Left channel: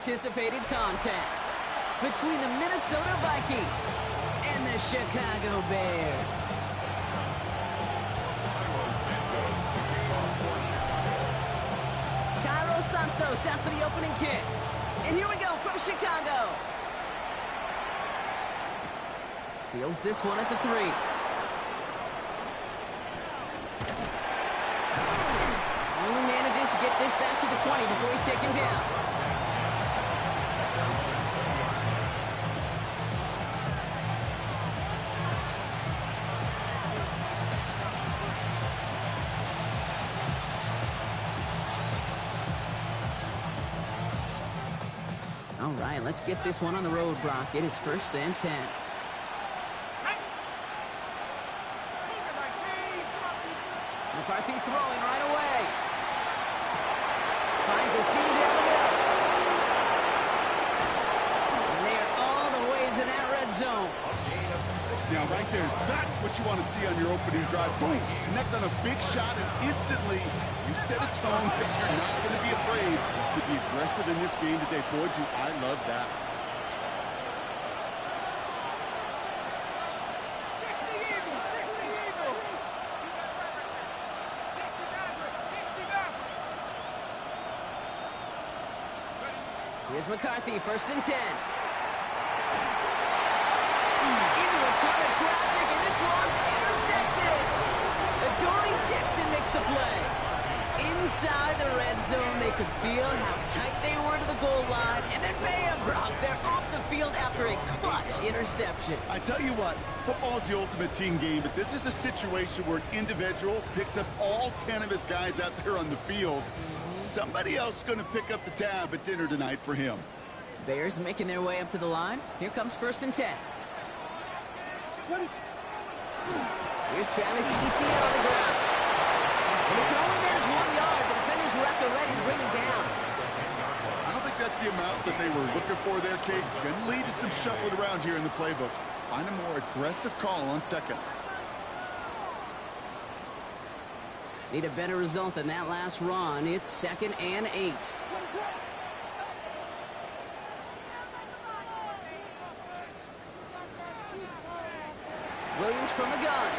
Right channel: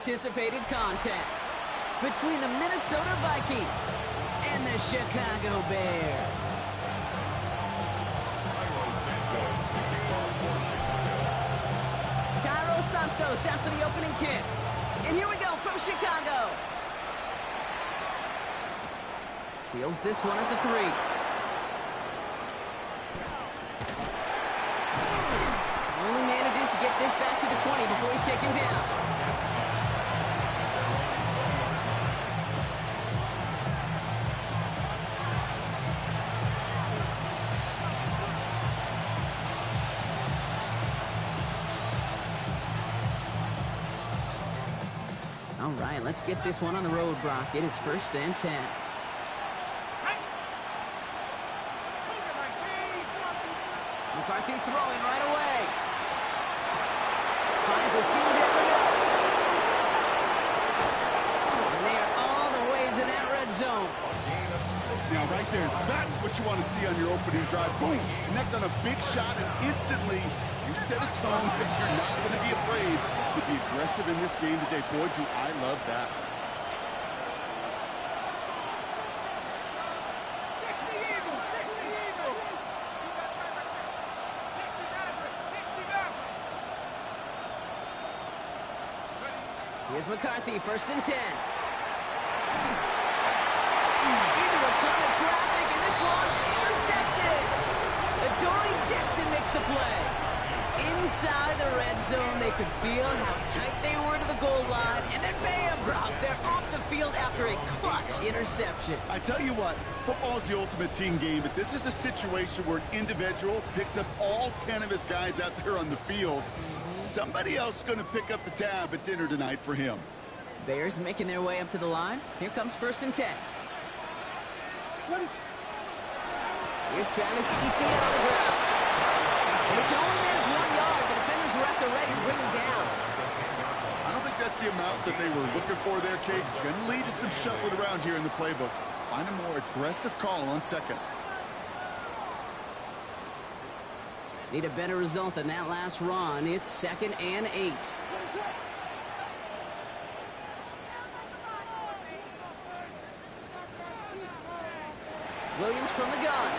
Anticipated contest between the Minnesota Vikings and the Chicago Bears. Cairo Santos out for the opening kick. And here we go from Chicago. Fields this one at the 3. Only manages to get this back to the 20 before he's taken down. All right, let's get this one on the road, Brock. It is 1st and 10. McCarthy throwing right away. Finds a seam down the middle. And they are all the way into that red zone. Now, right there, that's what you want to see on your opening drive. Boom! Connect on a big shot, and instantly you set a tone that you're not going to be afraid to be aggressive in this game today. Boy, do I love that. Here's McCarthy, 1st and 10. Into a ton of traffic, and this one's intercepted. Adoree Jackson makes the play. Inside the red zone, they could feel how tight they were to the goal line, and then bam, Brock, they're off the field after a clutch interception. I tell you what, football's the ultimate team game, but this is a situation where an individual picks up all 10 of his guys out there on the field. Somebody else is going to pick up the tab at dinner tonight for him. Bears making their way up to the line. Here comes 1st and 10. Here's Travis Etienne on the ground. And he can only manage 1 yard. The defenders were at the ready to bring him down. I don't think that's the amount that they were looking for there, Kate. Going to lead to some shuffling around here in the playbook. Find a more aggressive call on 2nd. Need a better result than that last run. It's 2nd and 8. Williams from the gun.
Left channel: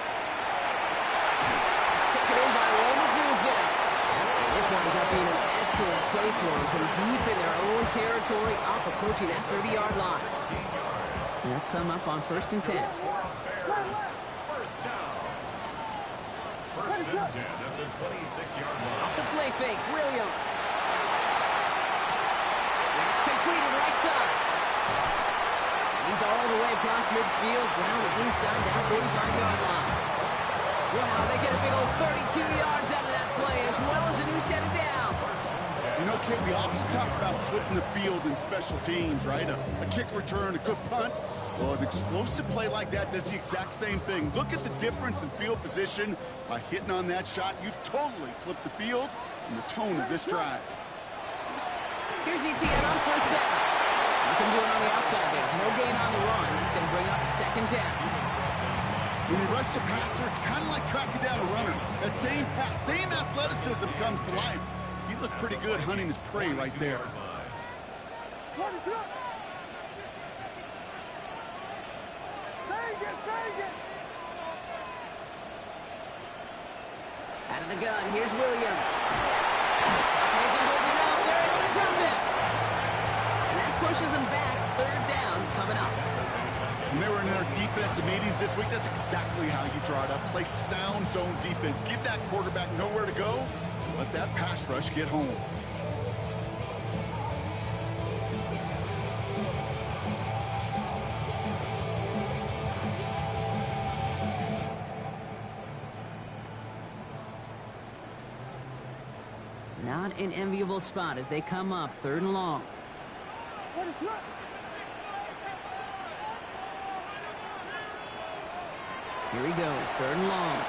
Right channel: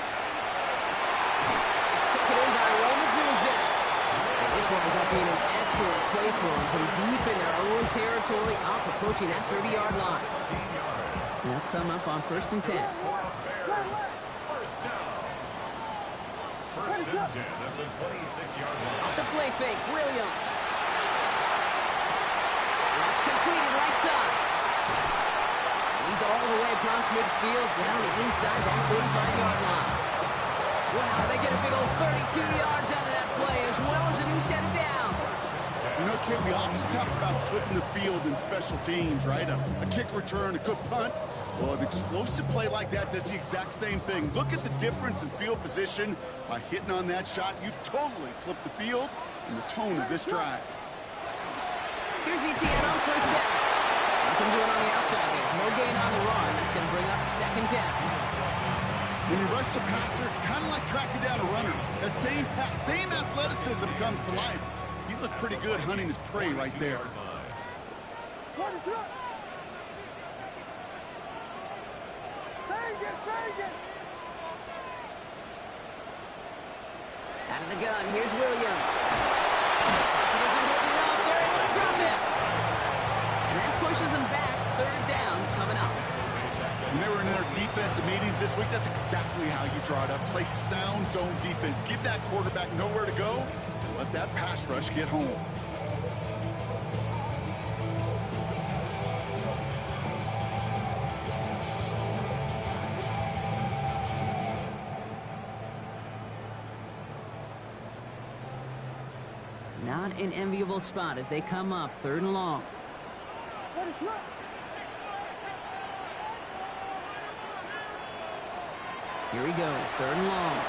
It's taken in by Roma Dunze. And this winds up being an excellent play for them from deep in their own territory, up approaching that 30-yard line. They'll come up on 1st and 10. First and 10 at the 26-yard line. Off the play fake, Williams. That's completed right side. And he's all the way across midfield, down inside that 45-yard line. Wow, they get a big old 32 yards out of that play, as well as a new set of downs. You know, Kate, we often talk about flipping the field in special teams, right? A kick return, a good punt. Well, an explosive play like that does the exact same thing. Look at the difference in field position. By hitting on that shot, you've totally flipped the field and the tone of this drive. Here's Etienne on 1st down. Nothing doing on the outside. There's no gain on the run. That's going to bring up 2nd down. When you rush the passer, it's kind of like tracking down a runner. That same pass, same athleticism comes to life. He looked pretty good hunting his prey right there. Out of the gun, here's Williams. He isn't holding up. They're able to drop it. And that pushes them back. 3rd down coming up. When they were in their defensive meetings this week, that's exactly how you draw it up. Play sound zone defense. Give that quarterback nowhere to go. Let that pass rush get home. Not an enviable spot as they come up 3rd and long. Here he goes, 3rd and long.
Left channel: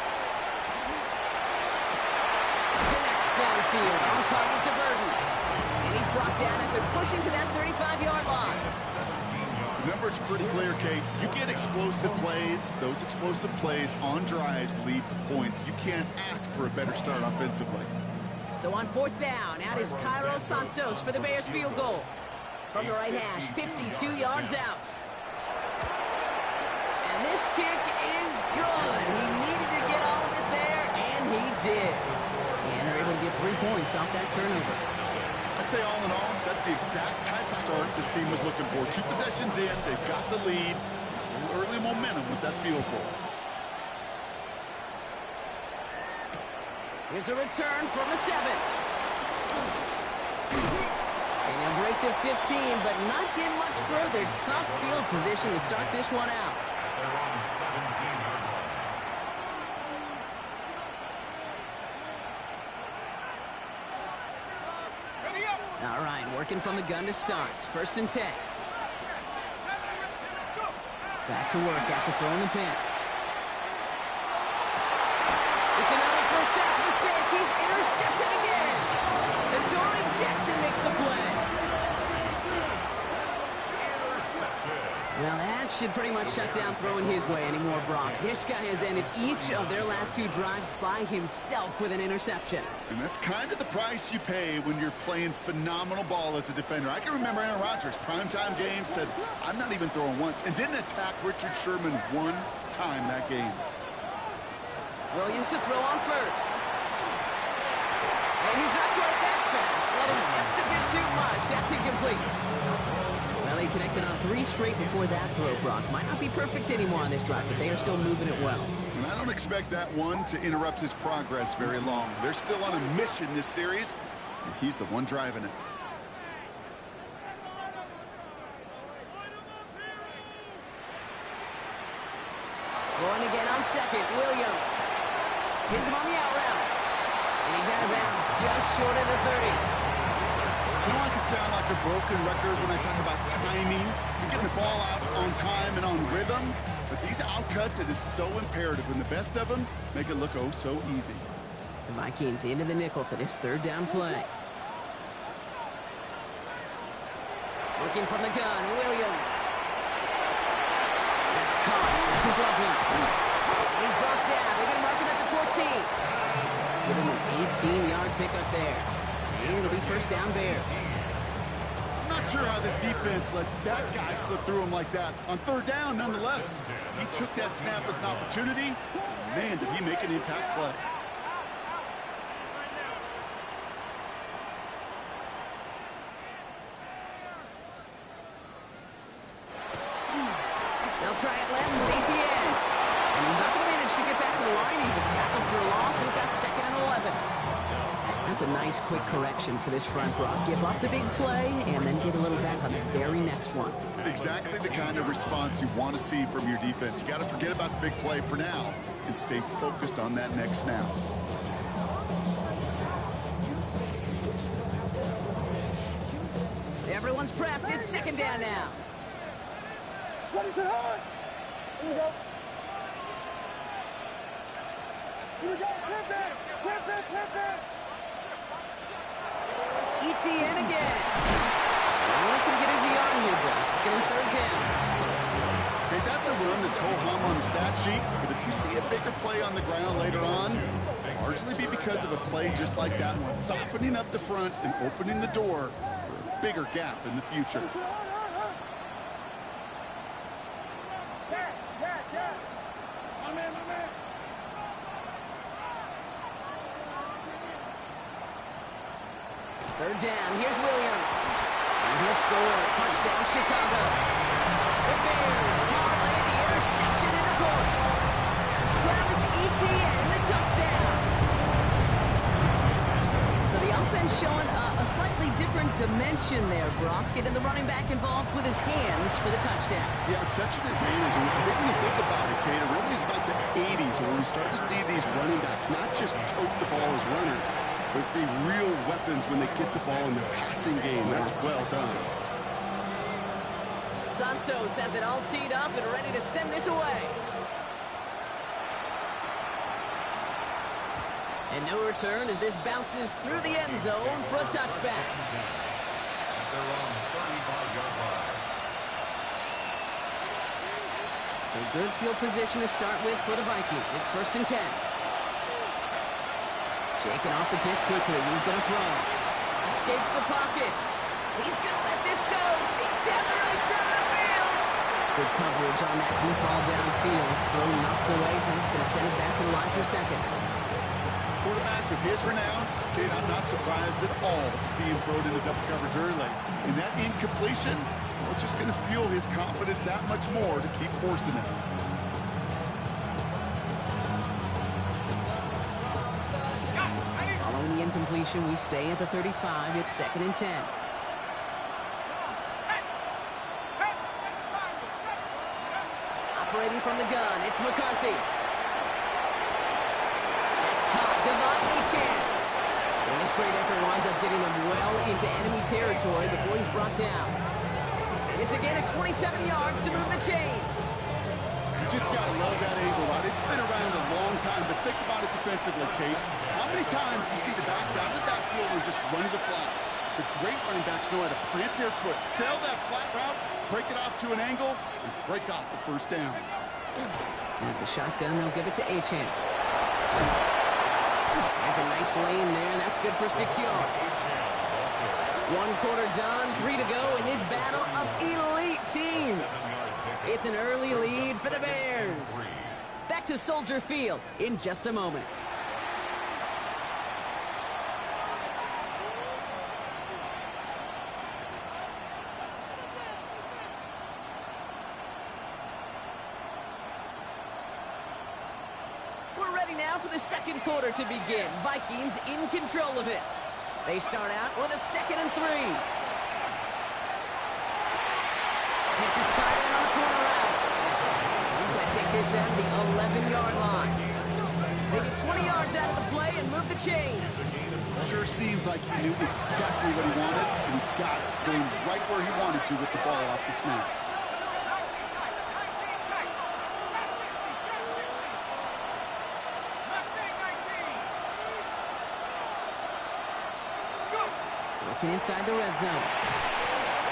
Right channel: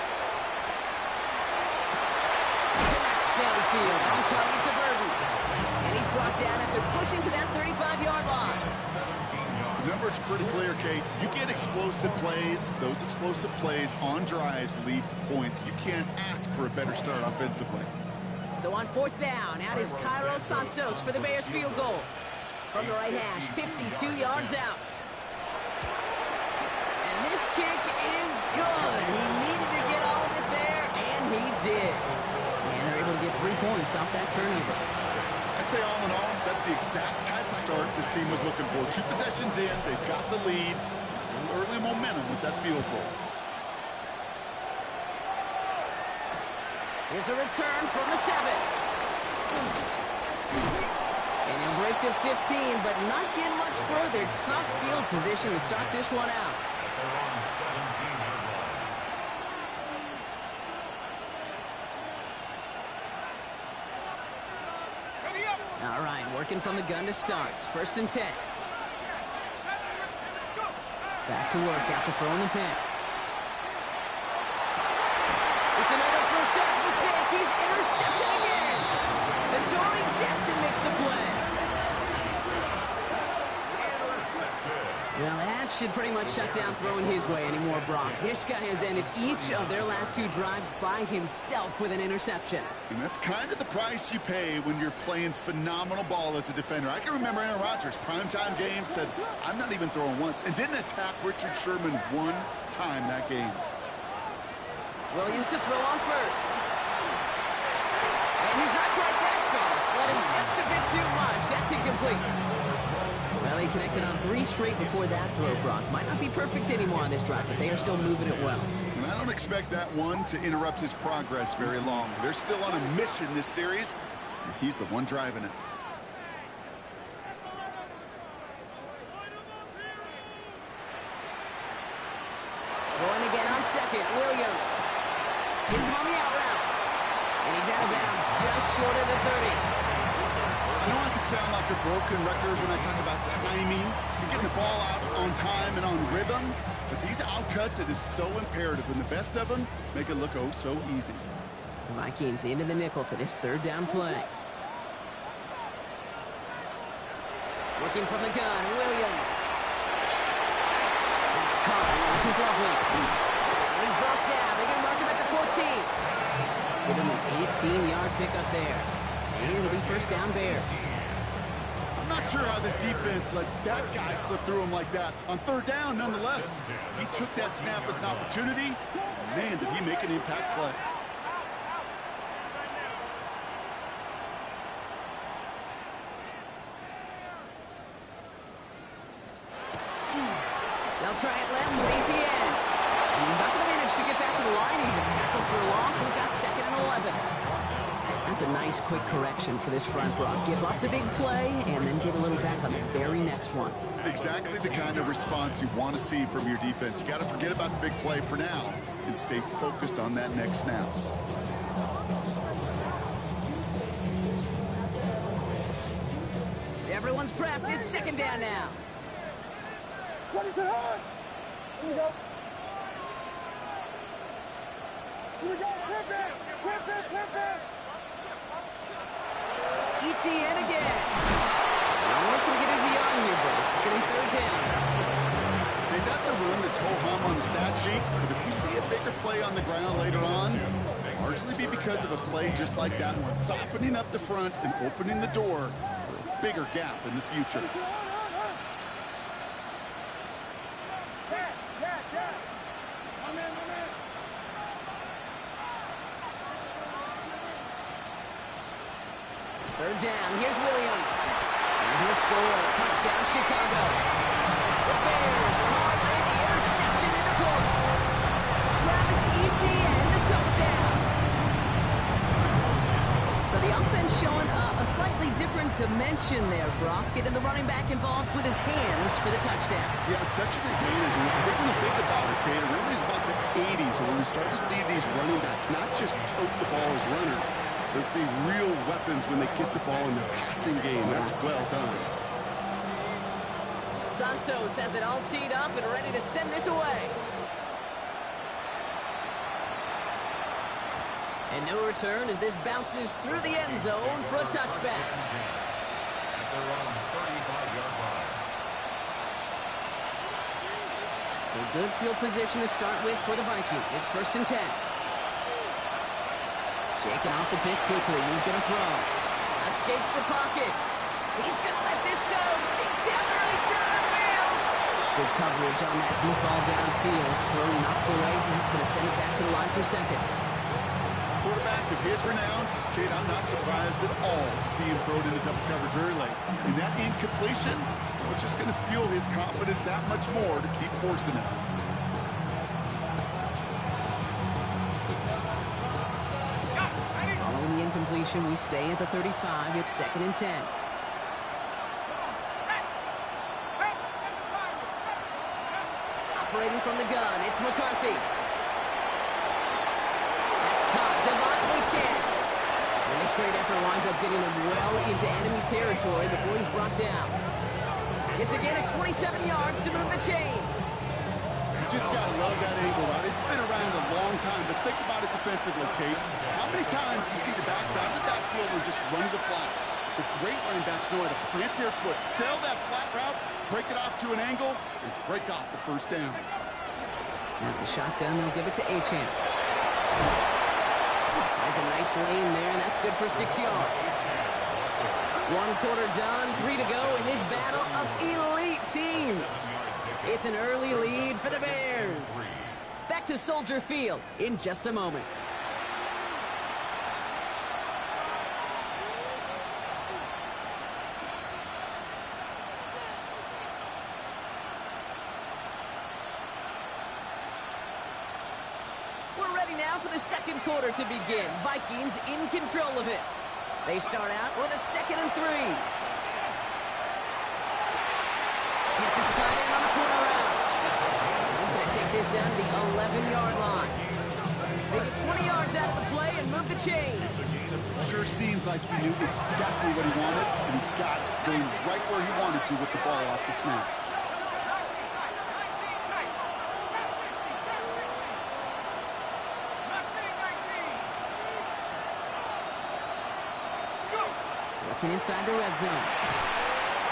Connects downfield, on target to Burton. And he's brought down after pushing to that 35-yard line. The number's pretty clear, Kate. You get explosive plays. Those explosive plays on drives lead to points. You can't ask for a better start offensively. So on 4th down, out is Cairo Santos for the Bears field goal. From the right hash, 52 yards out. And this kick is good. He needed to get all of it there, and he did. And they're able to get 3 points off that turnover. I'd say all in all, that's the exact type of start this team was looking for. 2 possessions in, they've got the lead. A little early momentum with that field goal. Here's a return from the 7. And he'll break the 15, but not get much further. Tough field position to start this one out. They're on 17-yard line. All right, working from the gun to start. 1st and 10. Back to work after throwing the pick. It's another first half mistake. He's intercepted again. Adoree Jackson makes the play. Well, that should pretty much shut down throwing his way anymore, Brock. This guy has ended each of their last 2 drives by himself with an interception. And that's kind of the price you pay when you're playing phenomenal ball as a defender. I can remember Aaron Rodgers, primetime game, said, I'm not even throwing once, and didn't attack Richard Sherman 1 time that game. Williams to throw on first. And he's not quite that fast. Let him just a bit too much. That's incomplete. Well, they connected on 3 straight before that throw, Brock. Might not be perfect anymore on this drive, but they are still moving it well. And I don't expect that one to interrupt his progress very long. They're still on a mission this series, and he's the one driving it. Going again on 2nd, Williams. Hits him on the out route. And he's out of bounds just short of the 30. I know I could sound like a broken record when I talk about timing and getting the ball out on time and on rhythm, but these outcuts, it is so imperative, and the best of them make it look oh so easy. The Vikings into the nickel for this 3rd down play. Working from the gun, Williams. That's Cox. This is Loveland. And he's brought down. They're going to mark him at the 14. Give him an 18-yard pickup there. And it'll be 1st down Bears. I'm not sure how this defense let that guy slip through him like that. On 3rd down, nonetheless, he took that snap as an opportunity. Man, did he make an impact play. They'll try it left with Etienne. And he's not going to manage to get back to the line even. Tackled for a loss. We've got 2nd and 11. That's a nice quick correction for this front, Brock. Give up the big play and then get a little back on the very next one. Exactly the kind of response you want to see from your defense. You got to forget about the big play for now and stay focused on that next snap. Everyone's prepped. It's 2nd down now. Ready to hard. Here we go. Here we go. Pivot. Etienne again. Only can get his on here, bro. It's going to be 3rd down. Hey, that's a run that's ho-hum on the stat sheet, but if you see a bigger play on the ground later on, it'll largely be because of a play just like that one, softening up the front and opening the door for a bigger gap in the future. Yes. My man. 3rd down. Here's Williams. And he'll score. Touchdown, Chicago. The Bears parlay the interception into points. Travis Etienne, the touchdown. So the offense showing a slightly different dimension there, Brock. Getting the running back involved with his hands for the touchdown. Yeah, such an advantage. And I think when you think about it, Kate, it really is about the 80s when we start to see these running backs not just tote the ball as runners, but be real weapons when they get the ball in the passing game. That's well done. Santos has it all teed up and ready to send this away. And no return as this bounces through the end zone for a touchback. At their own 35-yard line. So good field position to start with for the Vikings. It's 1st and 10. Shaking off the pick quickly. He's going to throw. Escapes the pocket. He's going to let this go deep down the right side of the field. Good coverage on that deep ball downfield. Throw knocked away, and it's going to send it back to the line for second. Quarterback of his renown, Kate, I'm not surprised at all to see him throw it into double coverage early. And that incompletion was just going to fuel his confidence that much more to keep forcing it. Following the incompletion, we stay at the 35. It's 2nd and 10. Operating from the gun, it's McCarthy. That's caught. Devon Achane. And this great effort winds up getting him well into enemy territory before he's brought down. It's again at 27 yards to move the chains. You just got to love that angle, right? It's been around a long time, but think about it defensively, Kate. How many times you see the backs out of the backfield and just run to the flat? The great running backs know how to plant their foot, sail that flat route, break it off to an angle, and break off the first down. Now the shotgun, they'll give it to Achane. Finds a nice lane there, and that's good for 6 yards. 1 quarter done, 3 to go in this battle of elite teams. It's an early lead for the Bears. Back to Soldier Field in just a moment. We're ready now for the second quarter to begin. Vikings in control of it. They start out with a 2nd and 3. Hits his tight end on the corner route. He's going to take this down to the 11-yard line. They get 20 yards out of the play and move the chains. Sure seems like he knew exactly what he wanted, and he got it, going right where he wanted to with the ball off the snap. Working inside the red zone.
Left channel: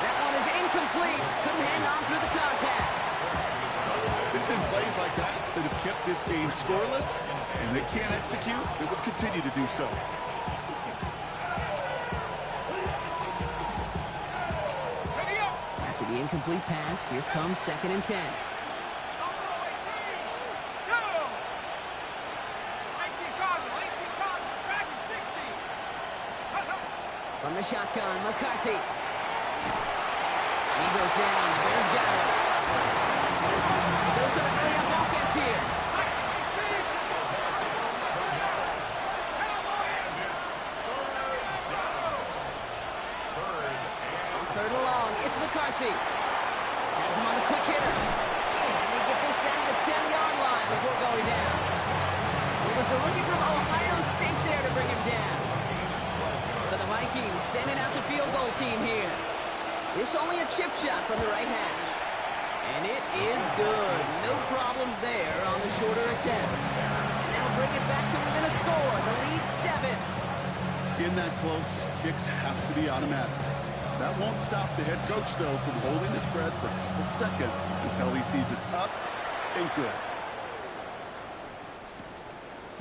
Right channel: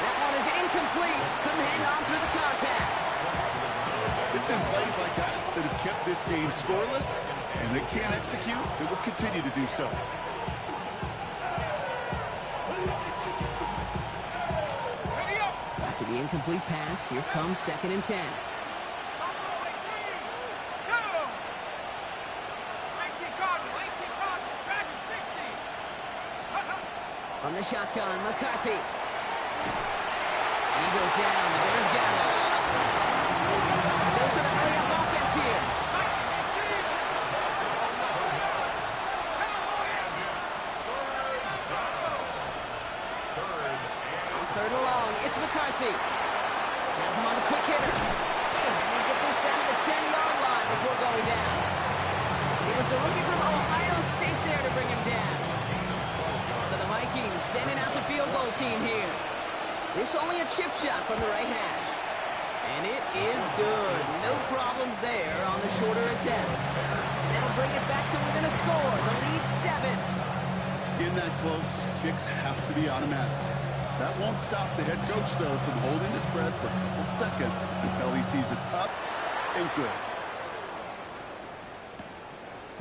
That one is incomplete. Couldn't hang on through the contact. It's been plays like that that have kept this game scoreless, and they can't execute. They will continue to do so. After the incomplete pass, here comes 2nd and 10. From the shotgun, McCarthy. He goes down. The Bears got him. Those are the hurry-up offense here. 3rd and long. It's McCarthy. Has him on the quick hitter. And they get this down to the 10-yard line before going down. It was the rookie from Ohio State there to bring him down. So the Vikings sending out the field goal team here. This only a chip shot from the right hash. And it is good. No problems there on the shorter attempt. And that'll bring it back to within a score. The lead 7. In that close, kicks have to be automatic. That won't stop the head coach, though, from holding his breath for a couple seconds until he sees it's up and good.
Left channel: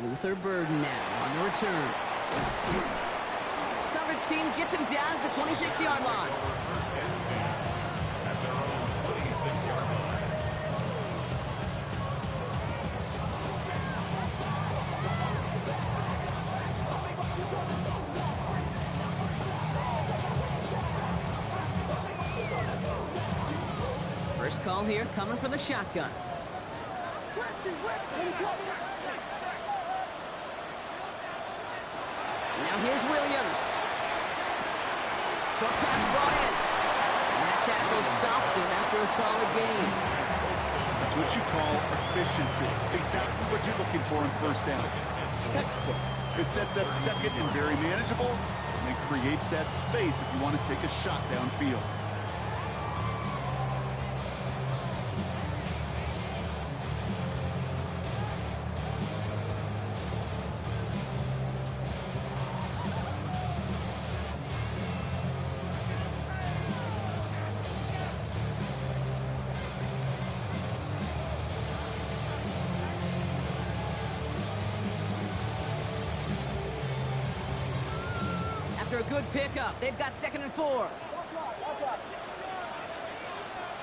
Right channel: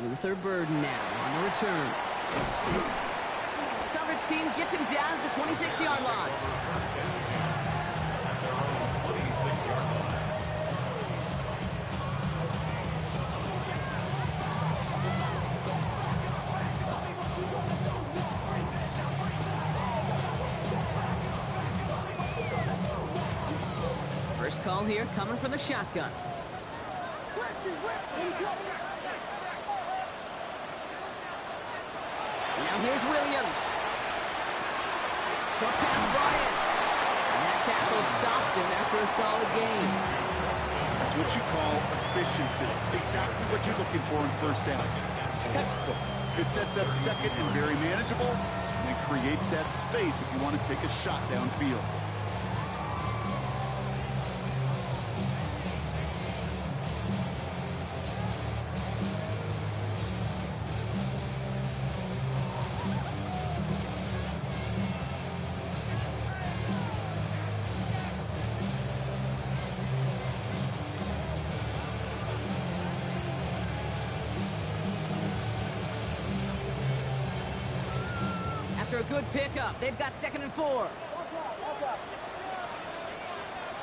Luther Burden now on the return. Coverage team gets him down at the 26-yard line. At their own 26-yard line. First call here coming from the shotgun. Now here's Williams. Short pass brought in. And that tackle stops him after a solid gain. That's what you call efficiency. Exactly what you're looking for in first down. Textbook. It sets up second and very manageable, and it creates that space if you want to take a shot downfield. After a good pickup, they've got 2nd and 4.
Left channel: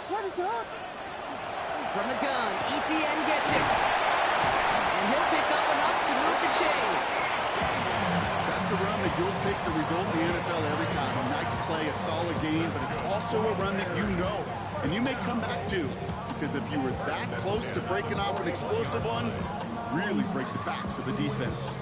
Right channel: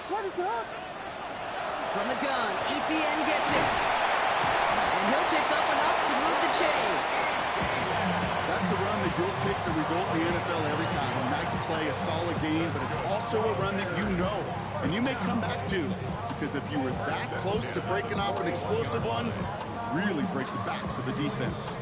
What is it? From the gun, ETN gets it. And he'll pick up enough to move the chains. That's a run that you'll take the result in the NFL every time. A nice play, a solid game, but it's also a run that you know, and you may come back to. Because if you were that close to breaking off an explosive one, you really break the backs of the defense.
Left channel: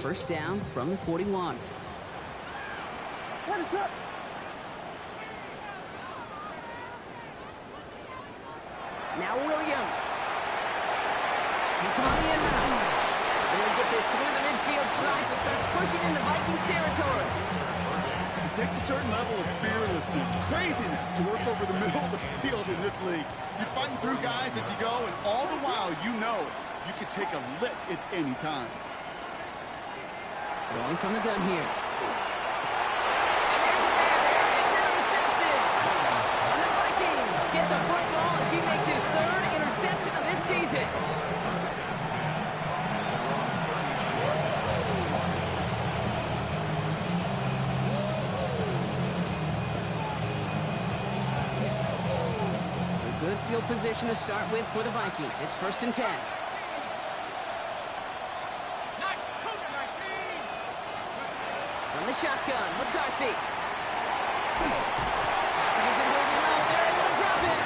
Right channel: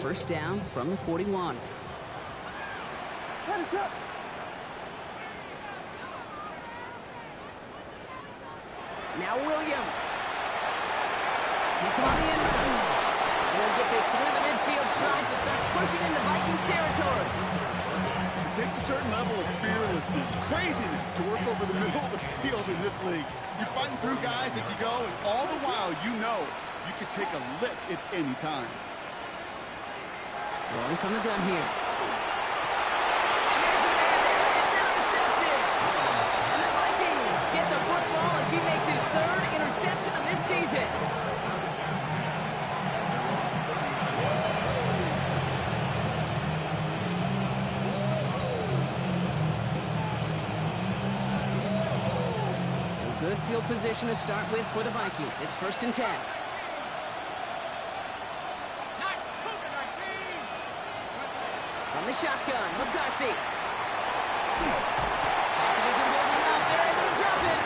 First down from the 41. What is it? Now Williams. Hits him on the end route. And he'll get this through the midfield stripe and starts pushing into Vikings territory. It takes a certain level of fearlessness, craziness to work over the middle of the field in this league. You're fighting through guys as you go, and all the while you know you could take a lick at any time. Throwing from the gun here. And there's a man there. It's intercepted. And the Vikings get the football as he makes his third interception of this season. So good field position to start with for the Vikings. It's 1st and 10. From the shotgun, McCarthy. Pocket isn't holding up. They're able to drop it.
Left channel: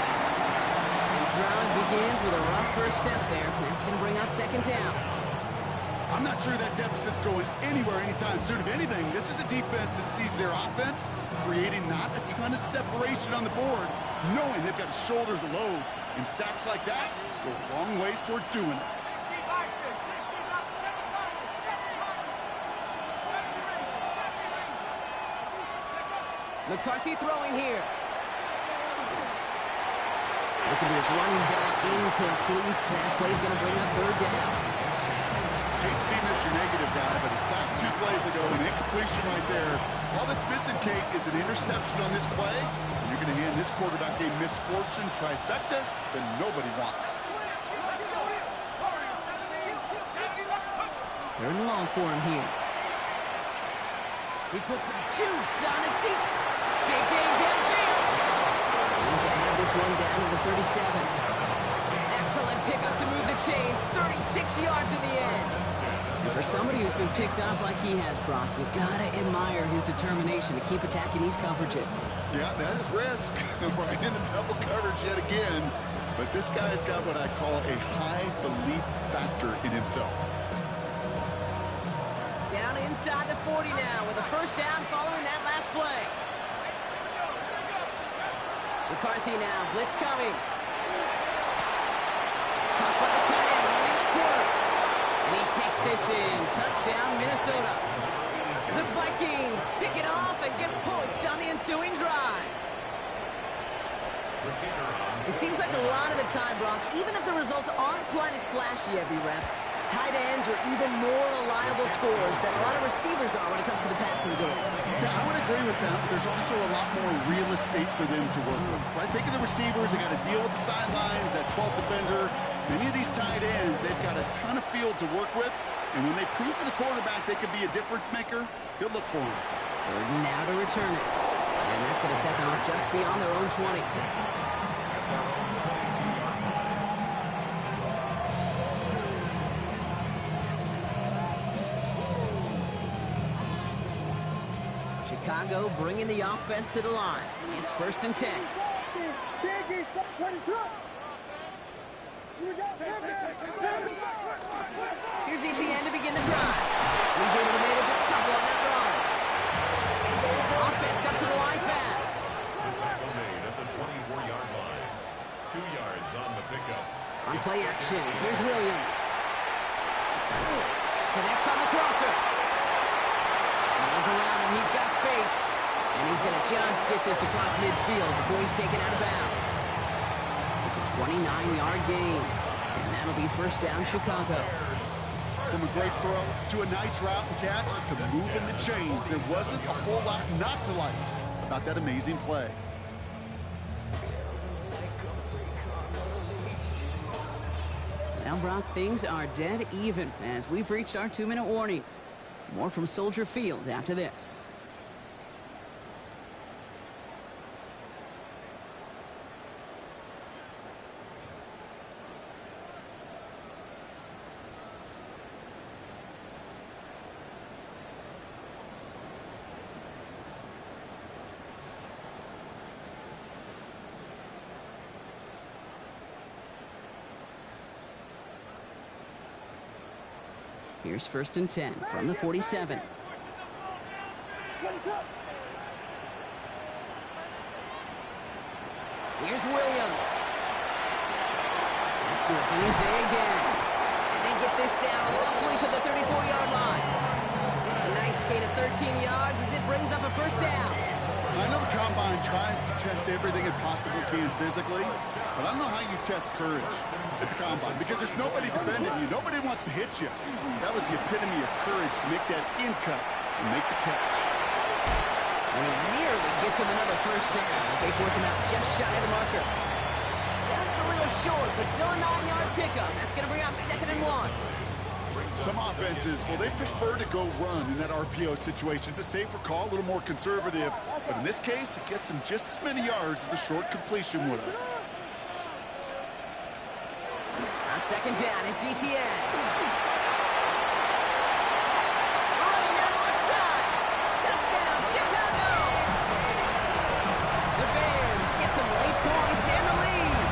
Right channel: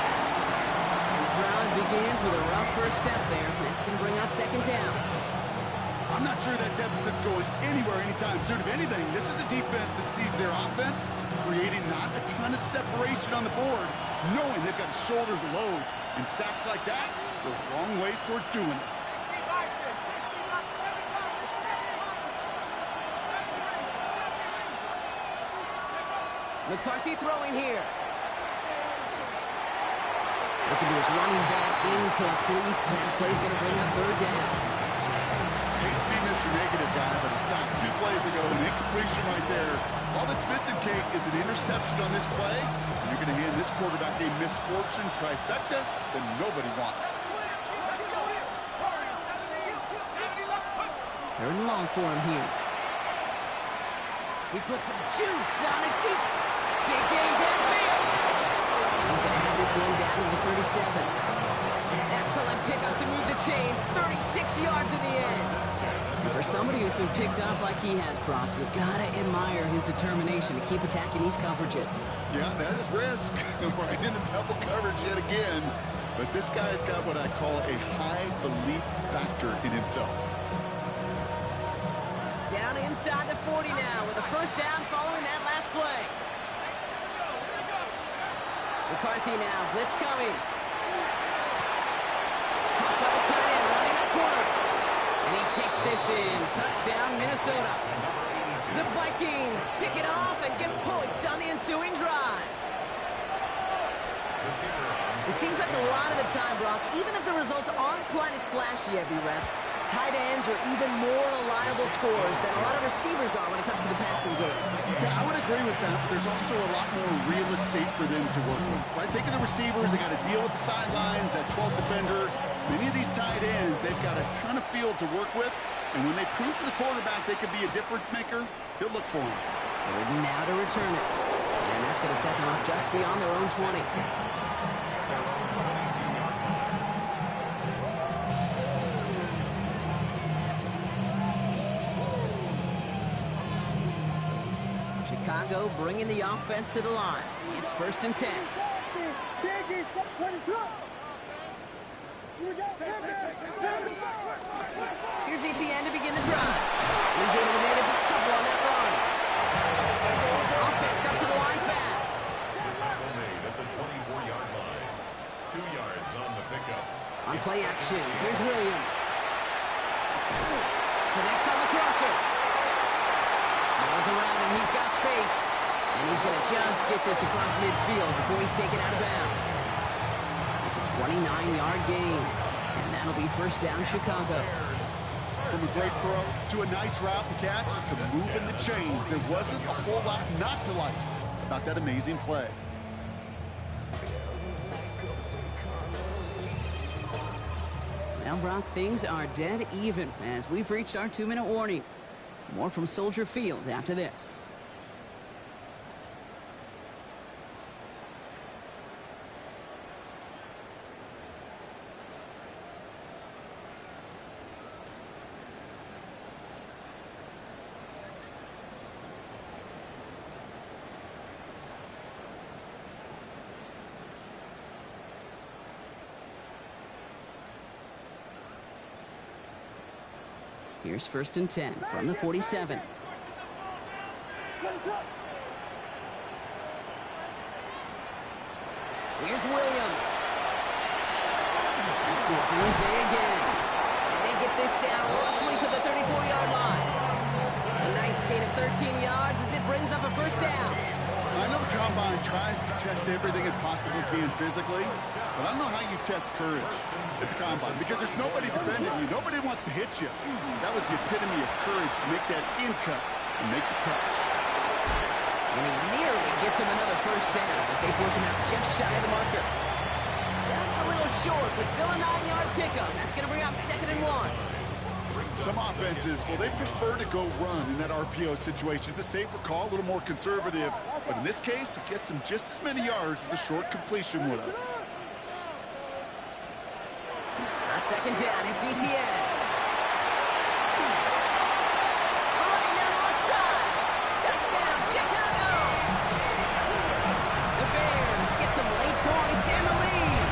And the drive begins with a rough first step there. That's going to bring up 2nd down. I'm not sure that deficit's going anywhere anytime soon. If anything, this is a defense that sees their offense creating not a ton of separation on the board, knowing they've got to shoulder the load. And sacks like that go long ways towards doing it. McCarthy throwing here. Looking to his running back, incomplete. That play's going to bring up 3rd down. Hate to be Mr. Negative guy, but a sack 2 plays ago, an incompletion right there. All that's missing, Kate, is an interception on this play, and you're going to hand this quarterback a misfortune trifecta that nobody wants. 3rd and long for him here. He puts some juice on it deep. Big game downfield. He's going to have this one down to the 37. Excellent pickup to move the chains. 36 yards in the end. And for somebody who's been picked off like he has, Brock, you got to admire his determination to keep attacking these coverages. Yeah, that is risk. Right into double coverage yet again. But this guy's got what I call a high belief factor in himself. Down inside the 40 now with a 1st down following that last play. McCarthy now, blitz coming. Caught by the tight end, running that corner. And he takes this in. Touchdown, Minnesota. The Vikings pick it off and get points on the ensuing drive. It seems like a lot of the time, Brock, even if the results aren't quite as flashy every rep, tight ends are even more reliable scorers than a lot of receivers are when it comes to the passing game. Yeah, I would agree with that, but there's also a lot more real estate for them to work with, right? Think of the receivers. They got to deal with the sidelines, that 12th defender. Many of these tight ends, they've got a ton of field to work with, and when they prove to the quarterback they can be a difference maker, he'll look for them. 3rd and now to return it. And that's going to set them up just beyond their own 20. Chicago bringing the offense to the line. It's 1st and 10. Here's Etienne to begin the drive. And he's able to manage a couple on that run. Offense up to the line fast. The tackle made at the 24-yard line. 2 yards on the pickup. On play action, here's Williams. Connects on the crosser. No one's around him, he's got space. And he's going to just get this across midfield before he's taken out of bounds. It's a 29-yard gain. And that'll be 1st down, Chicago. From a great throw to a nice route and catch to moving the chains, there wasn't a whole lot not to like about that amazing play. Well, Brock, things are dead even as we've reached our 2-minute warning. More from Soldier Field after this. Here's 1st and 10 from the 47. Here's Williams. That's Duze again. And they get this down roughly to the 34-yard line. A nice gain of 13 yards as it brings up a 1st down. I know the Combine tries to test everything it possibly can physically, but I don't know how you test courage at the Combine because there's nobody defending you. Nobody wants to hit you. That was the epitome of courage to make that in cut and make the catch. And he nearly gets him another 1st down as they force him out just shy of the marker. Just a little short, but still a 9-yard pickup. That's going to bring up 2nd and 1. Some offenses, well, they prefer to go run in that RPO situation. It's a safer call, a little more conservative. But in this case, it gets them just as many yards as a short completion would have. On 2nd down, it's Etienne. Running down the left side. Touchdown, Chicago! The Bears get some late points and the lead.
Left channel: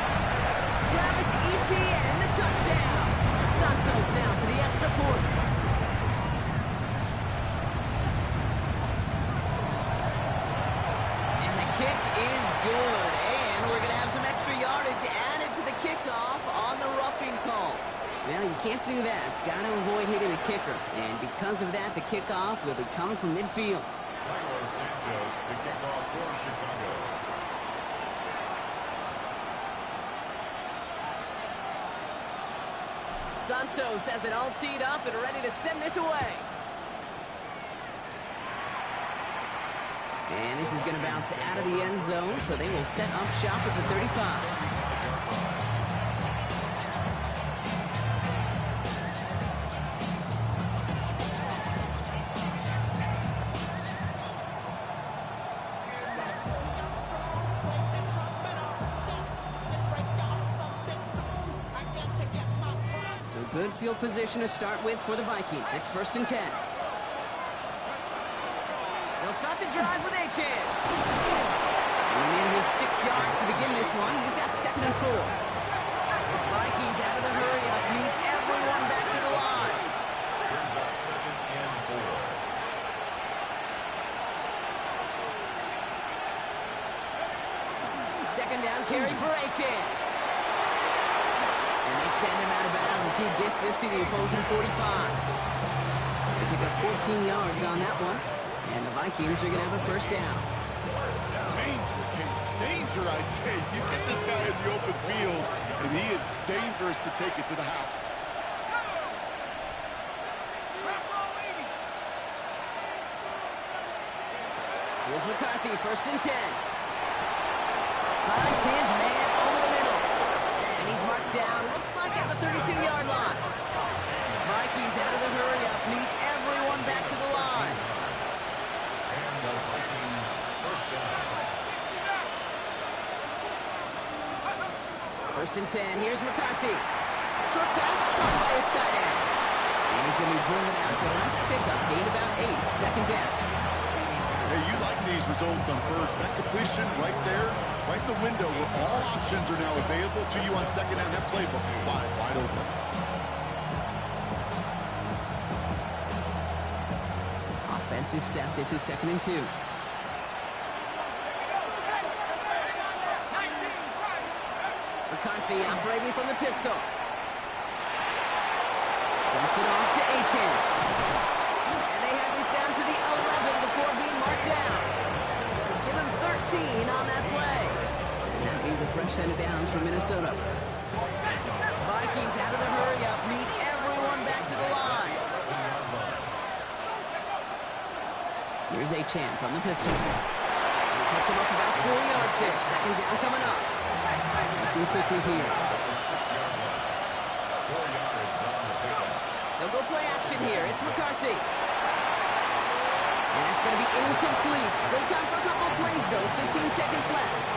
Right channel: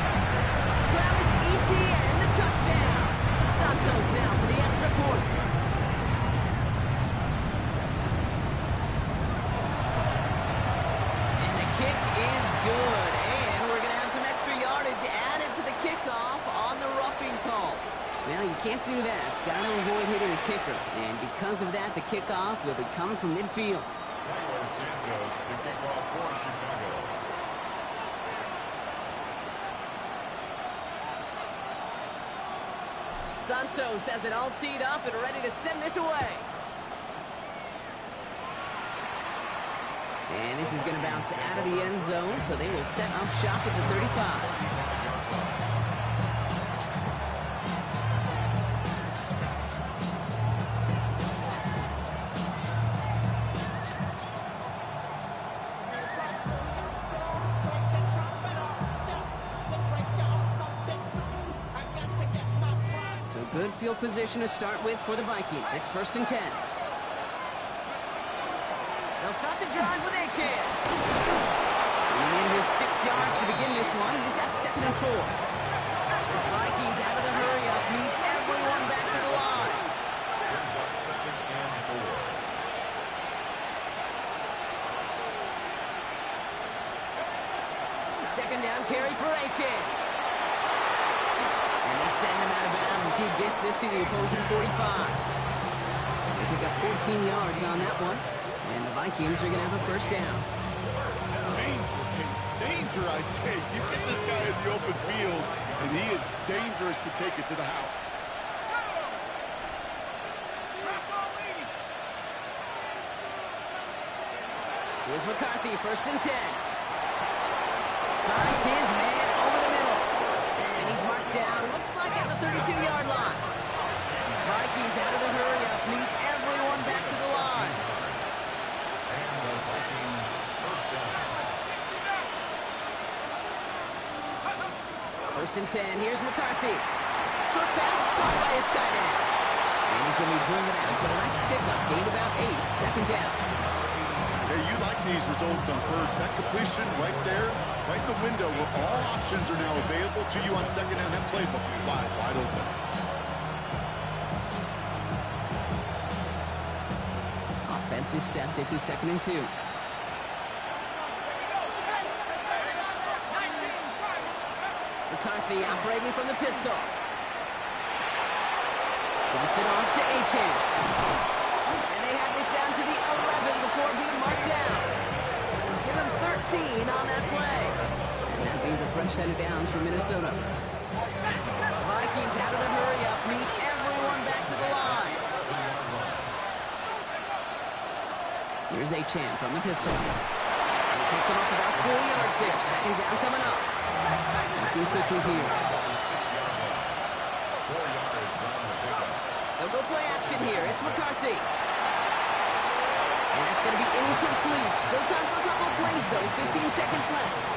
Travis Etienne, the touchdown. Santos now for the extra point. And the kick is good. And we're going to have some extra yardage added to the kickoff on the roughing call. Well, you can't do that. Got to avoid hitting the kicker. And because of that, the kickoff will be coming from midfield. Carlos Santos to kick off for Chicago. Santos has it all teed up and ready to send this away. And this is going to bounce out of the end zone, so they will set up shop at the 35. Good field position to start with for the Vikings. It's 1st and 10. They'll start the drive with Achane. He manages 6 yards to begin this one. We've got 2nd and 4. Vikings out of the hurry-up. Need everyone back to the line. Brings up 2nd and 4. Second down carry for Achane. And they send him out of bounds as he gets this to the opposing 45. They pick up 14 yards on that one. And the Vikings are going to have a 1st down. Danger, King. Danger, I say. You get this guy in the open field, and he is dangerous to take it to the house. Here's McCarthy, 1st and 10. Finds his man over the middle. And he's marked down, looks like at the 32-yard line. Vikings out of the hurry-up, need everyone back to the line. And the Vikings 1st down. 1st and 10, here's McCarthy. Short pass, caught by his tight end. And he's going to be driven out, but a nice pickup, gained about 8, 2nd down. Hey, you like these results on first. That completion right there, right in the window where all options are now available to you on second down. That playbook wide open. Offense is set. This is 2nd and 2. McCarthy operating from the pistol. Dumps it off to Achane. And they have this down to the 11 before being marked down. Give him 13 on that play. And that means a fresh set of downs for Minnesota. Vikings out of the hurry-up, need everyone back to the line. Here's Achane from the pistol. And he picks him up about 4 yards there. 2nd down coming up. Looking quickly here. 6-yard line. 4 yards on the pickup. They'll go play action here. It's McCarthy. And that's going to be incomplete. Still time for a couple of plays, though. 15 seconds left.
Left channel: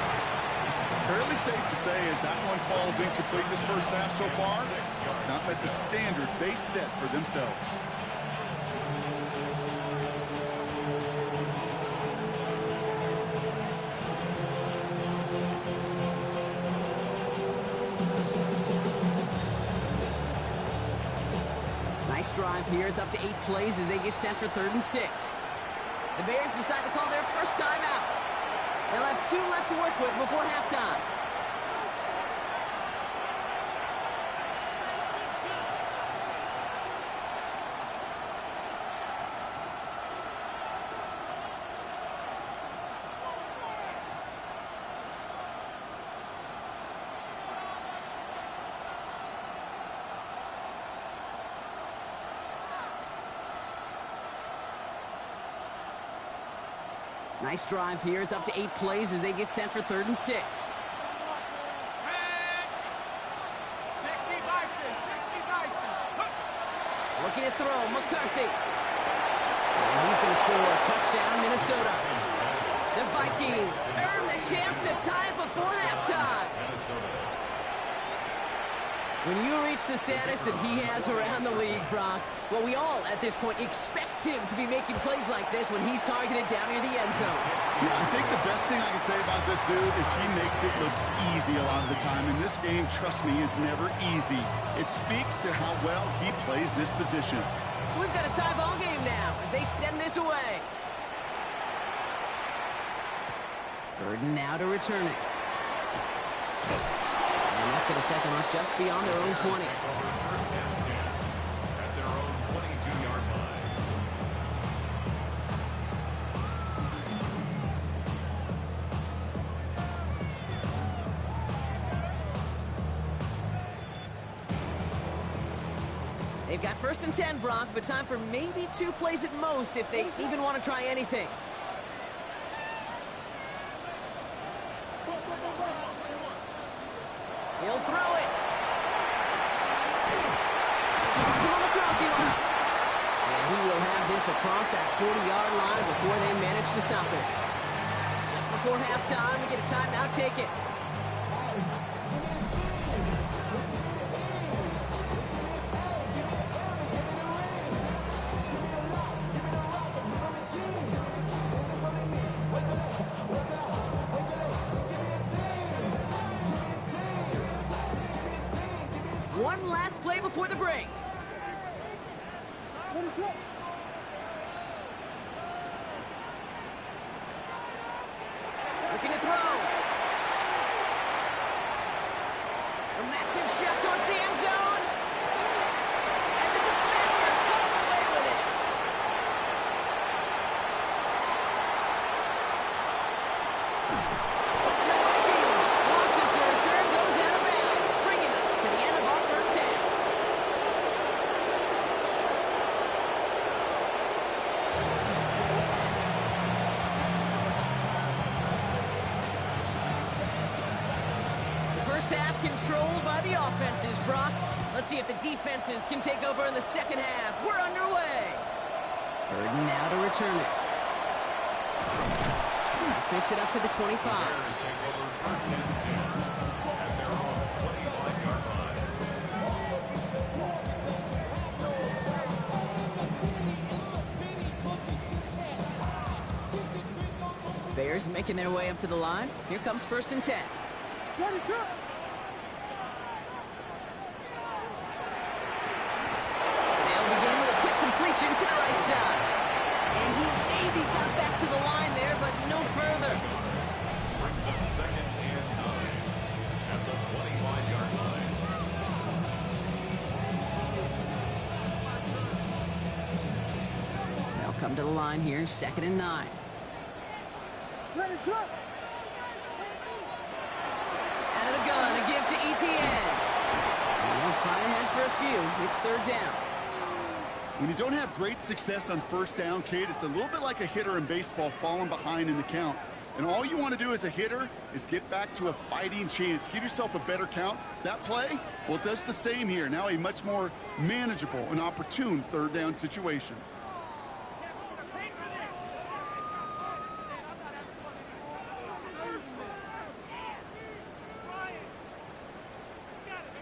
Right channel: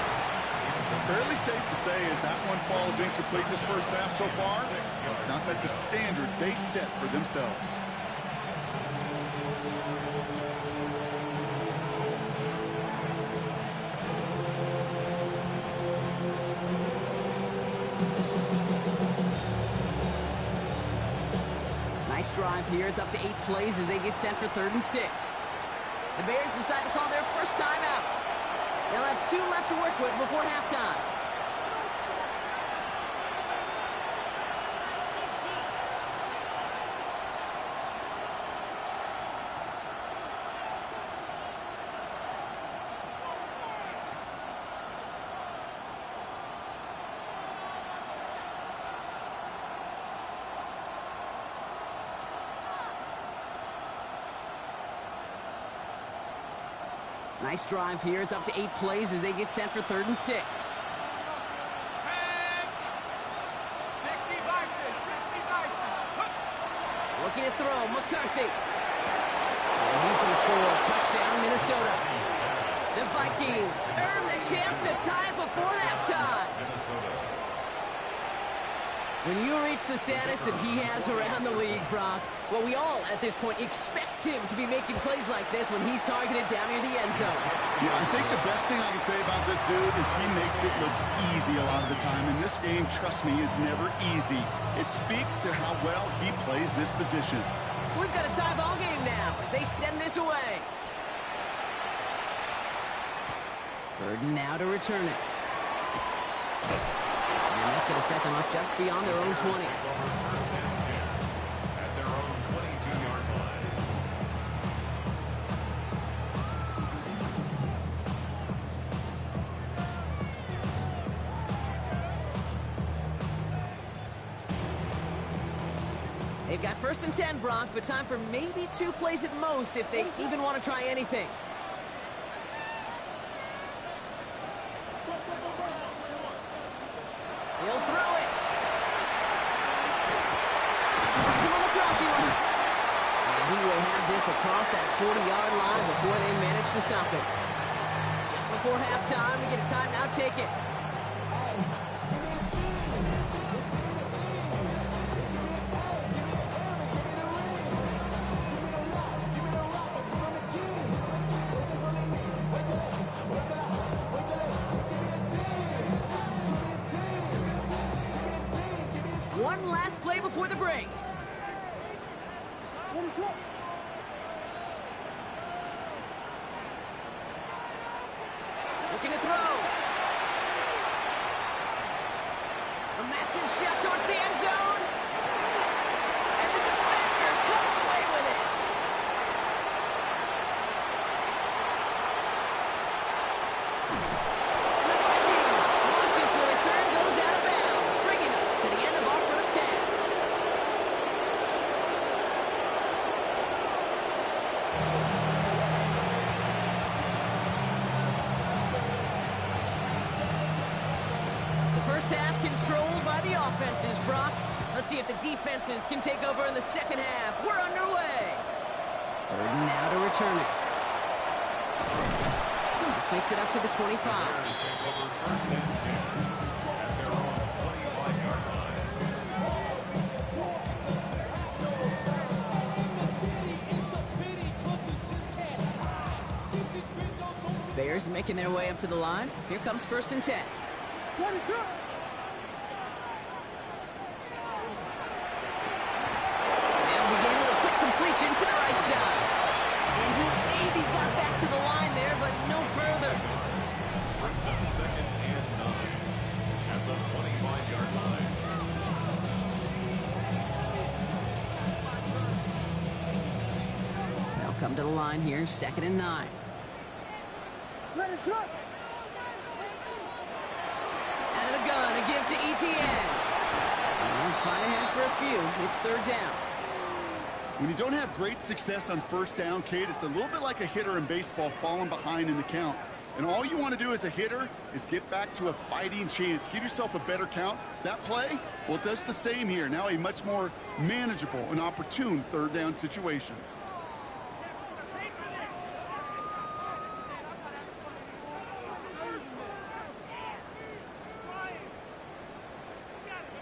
Fairly safe to say as that one falls incomplete this first half so far. It's not met the standard they set for themselves. Nice drive here. It's up to 8 plays as they get set for 3rd and 6. The Bears decide to call their first timeout. They'll have 2 left to work with before halftime. Nice drive here. It's up to 8 plays as they get set for 3rd and 6. 60 Vikings, 60 Vikings. Looking to throw, McCarthy. And he's going to score. Touchdown, Minnesota. The Vikings earn the chance to tie it before halftime. Minnesota. When you reach the status that he has around the league, Brock, well, we all at this point expect him to be making plays like this when he's targeted down near the end zone. Yeah, I think the best thing I can say about this dude is he makes it look easy a lot of the time. And this game, trust me, is never easy. It speaks to how well he plays this position. So we've got a tie ball game now as they send this away. Burden now to return it. And that's going to set them up just beyond their own 20. Takeover 1st and 10 at their own 22-yard line. They've got 1st and 10, Brock, but time for maybe 2 plays at most if they even want to try anything. He'll throw it. Drops him on the crossing line. And he will have this across that 40-yard line before they manage to stop it. Just before halftime, we get a timeout. Take it. One last play before the break. Looking to throw. A massive shot towards the end zone. And the defender comes away with it. And the Vikings watch as the return goes out of bounds, bringing us to the end of our first half. First half controlled by the offenses, Brock. Let's see if the defenses can take over in the second half. We're underway. Burden now to return it. This makes it up to the 25. Bears take over 1st and 10 at their own 25-yard line. players making their way up to the line. Here comes 1st and 10. Ready, set. They'll begin with a quick completion to the right side. And he maybe got back to the line there, but no further. Brings up 2nd and 9 at the 25-yard line. They'll come to the line here, 2nd and 9. Ready, set. Out of the gun, a give to ETN. And he'll fly ahead for a few. It's 3rd down. When you don't have great success on 1st down, Kate, it's a little bit like a hitter in baseball falling behind in the count. And all you want to do as a hitter is get back to a fighting chance. Give yourself a better count. That play, well, it does the same here. Now a much more manageable and opportune 3rd down situation.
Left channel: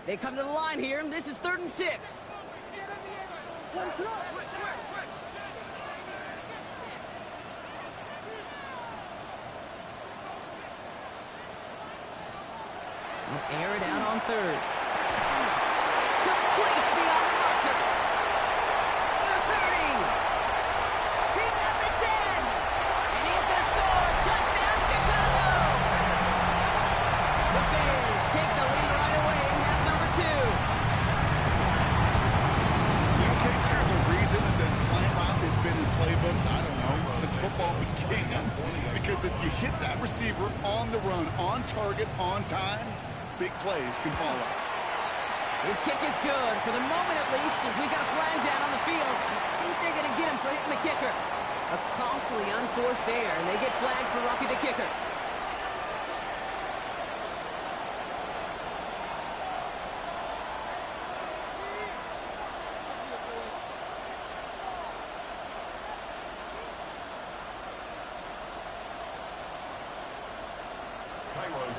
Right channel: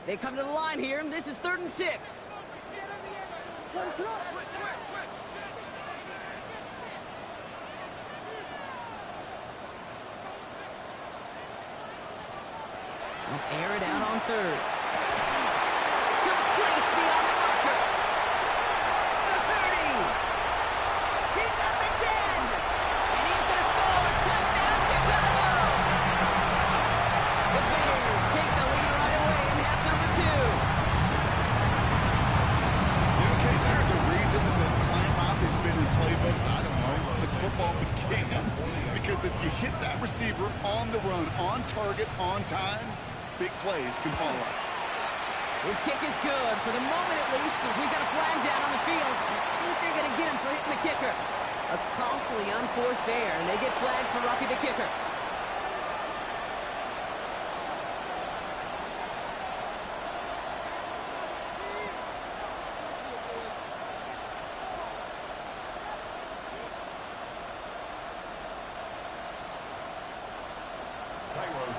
They come to the line here, and this is 3rd and 6. Ready, set. They'll air it out on 3rd. Complete beyond the marker. The 30. He's at the 10. And he's going to score. Touchdown, Chicago. The Bears take the lead right away in half number 2. You know, Kate, there's a reason that slant route has been in playbooks, I don't know, since football began. Because if you hit that receiver on the run, on target, on time, big plays can follow. His kick is good, for the moment at least, as we've got a flag down on the field. I think they're going to get him for hitting the kicker. A costly, unforced error, and they get flagged for roughing the kicker.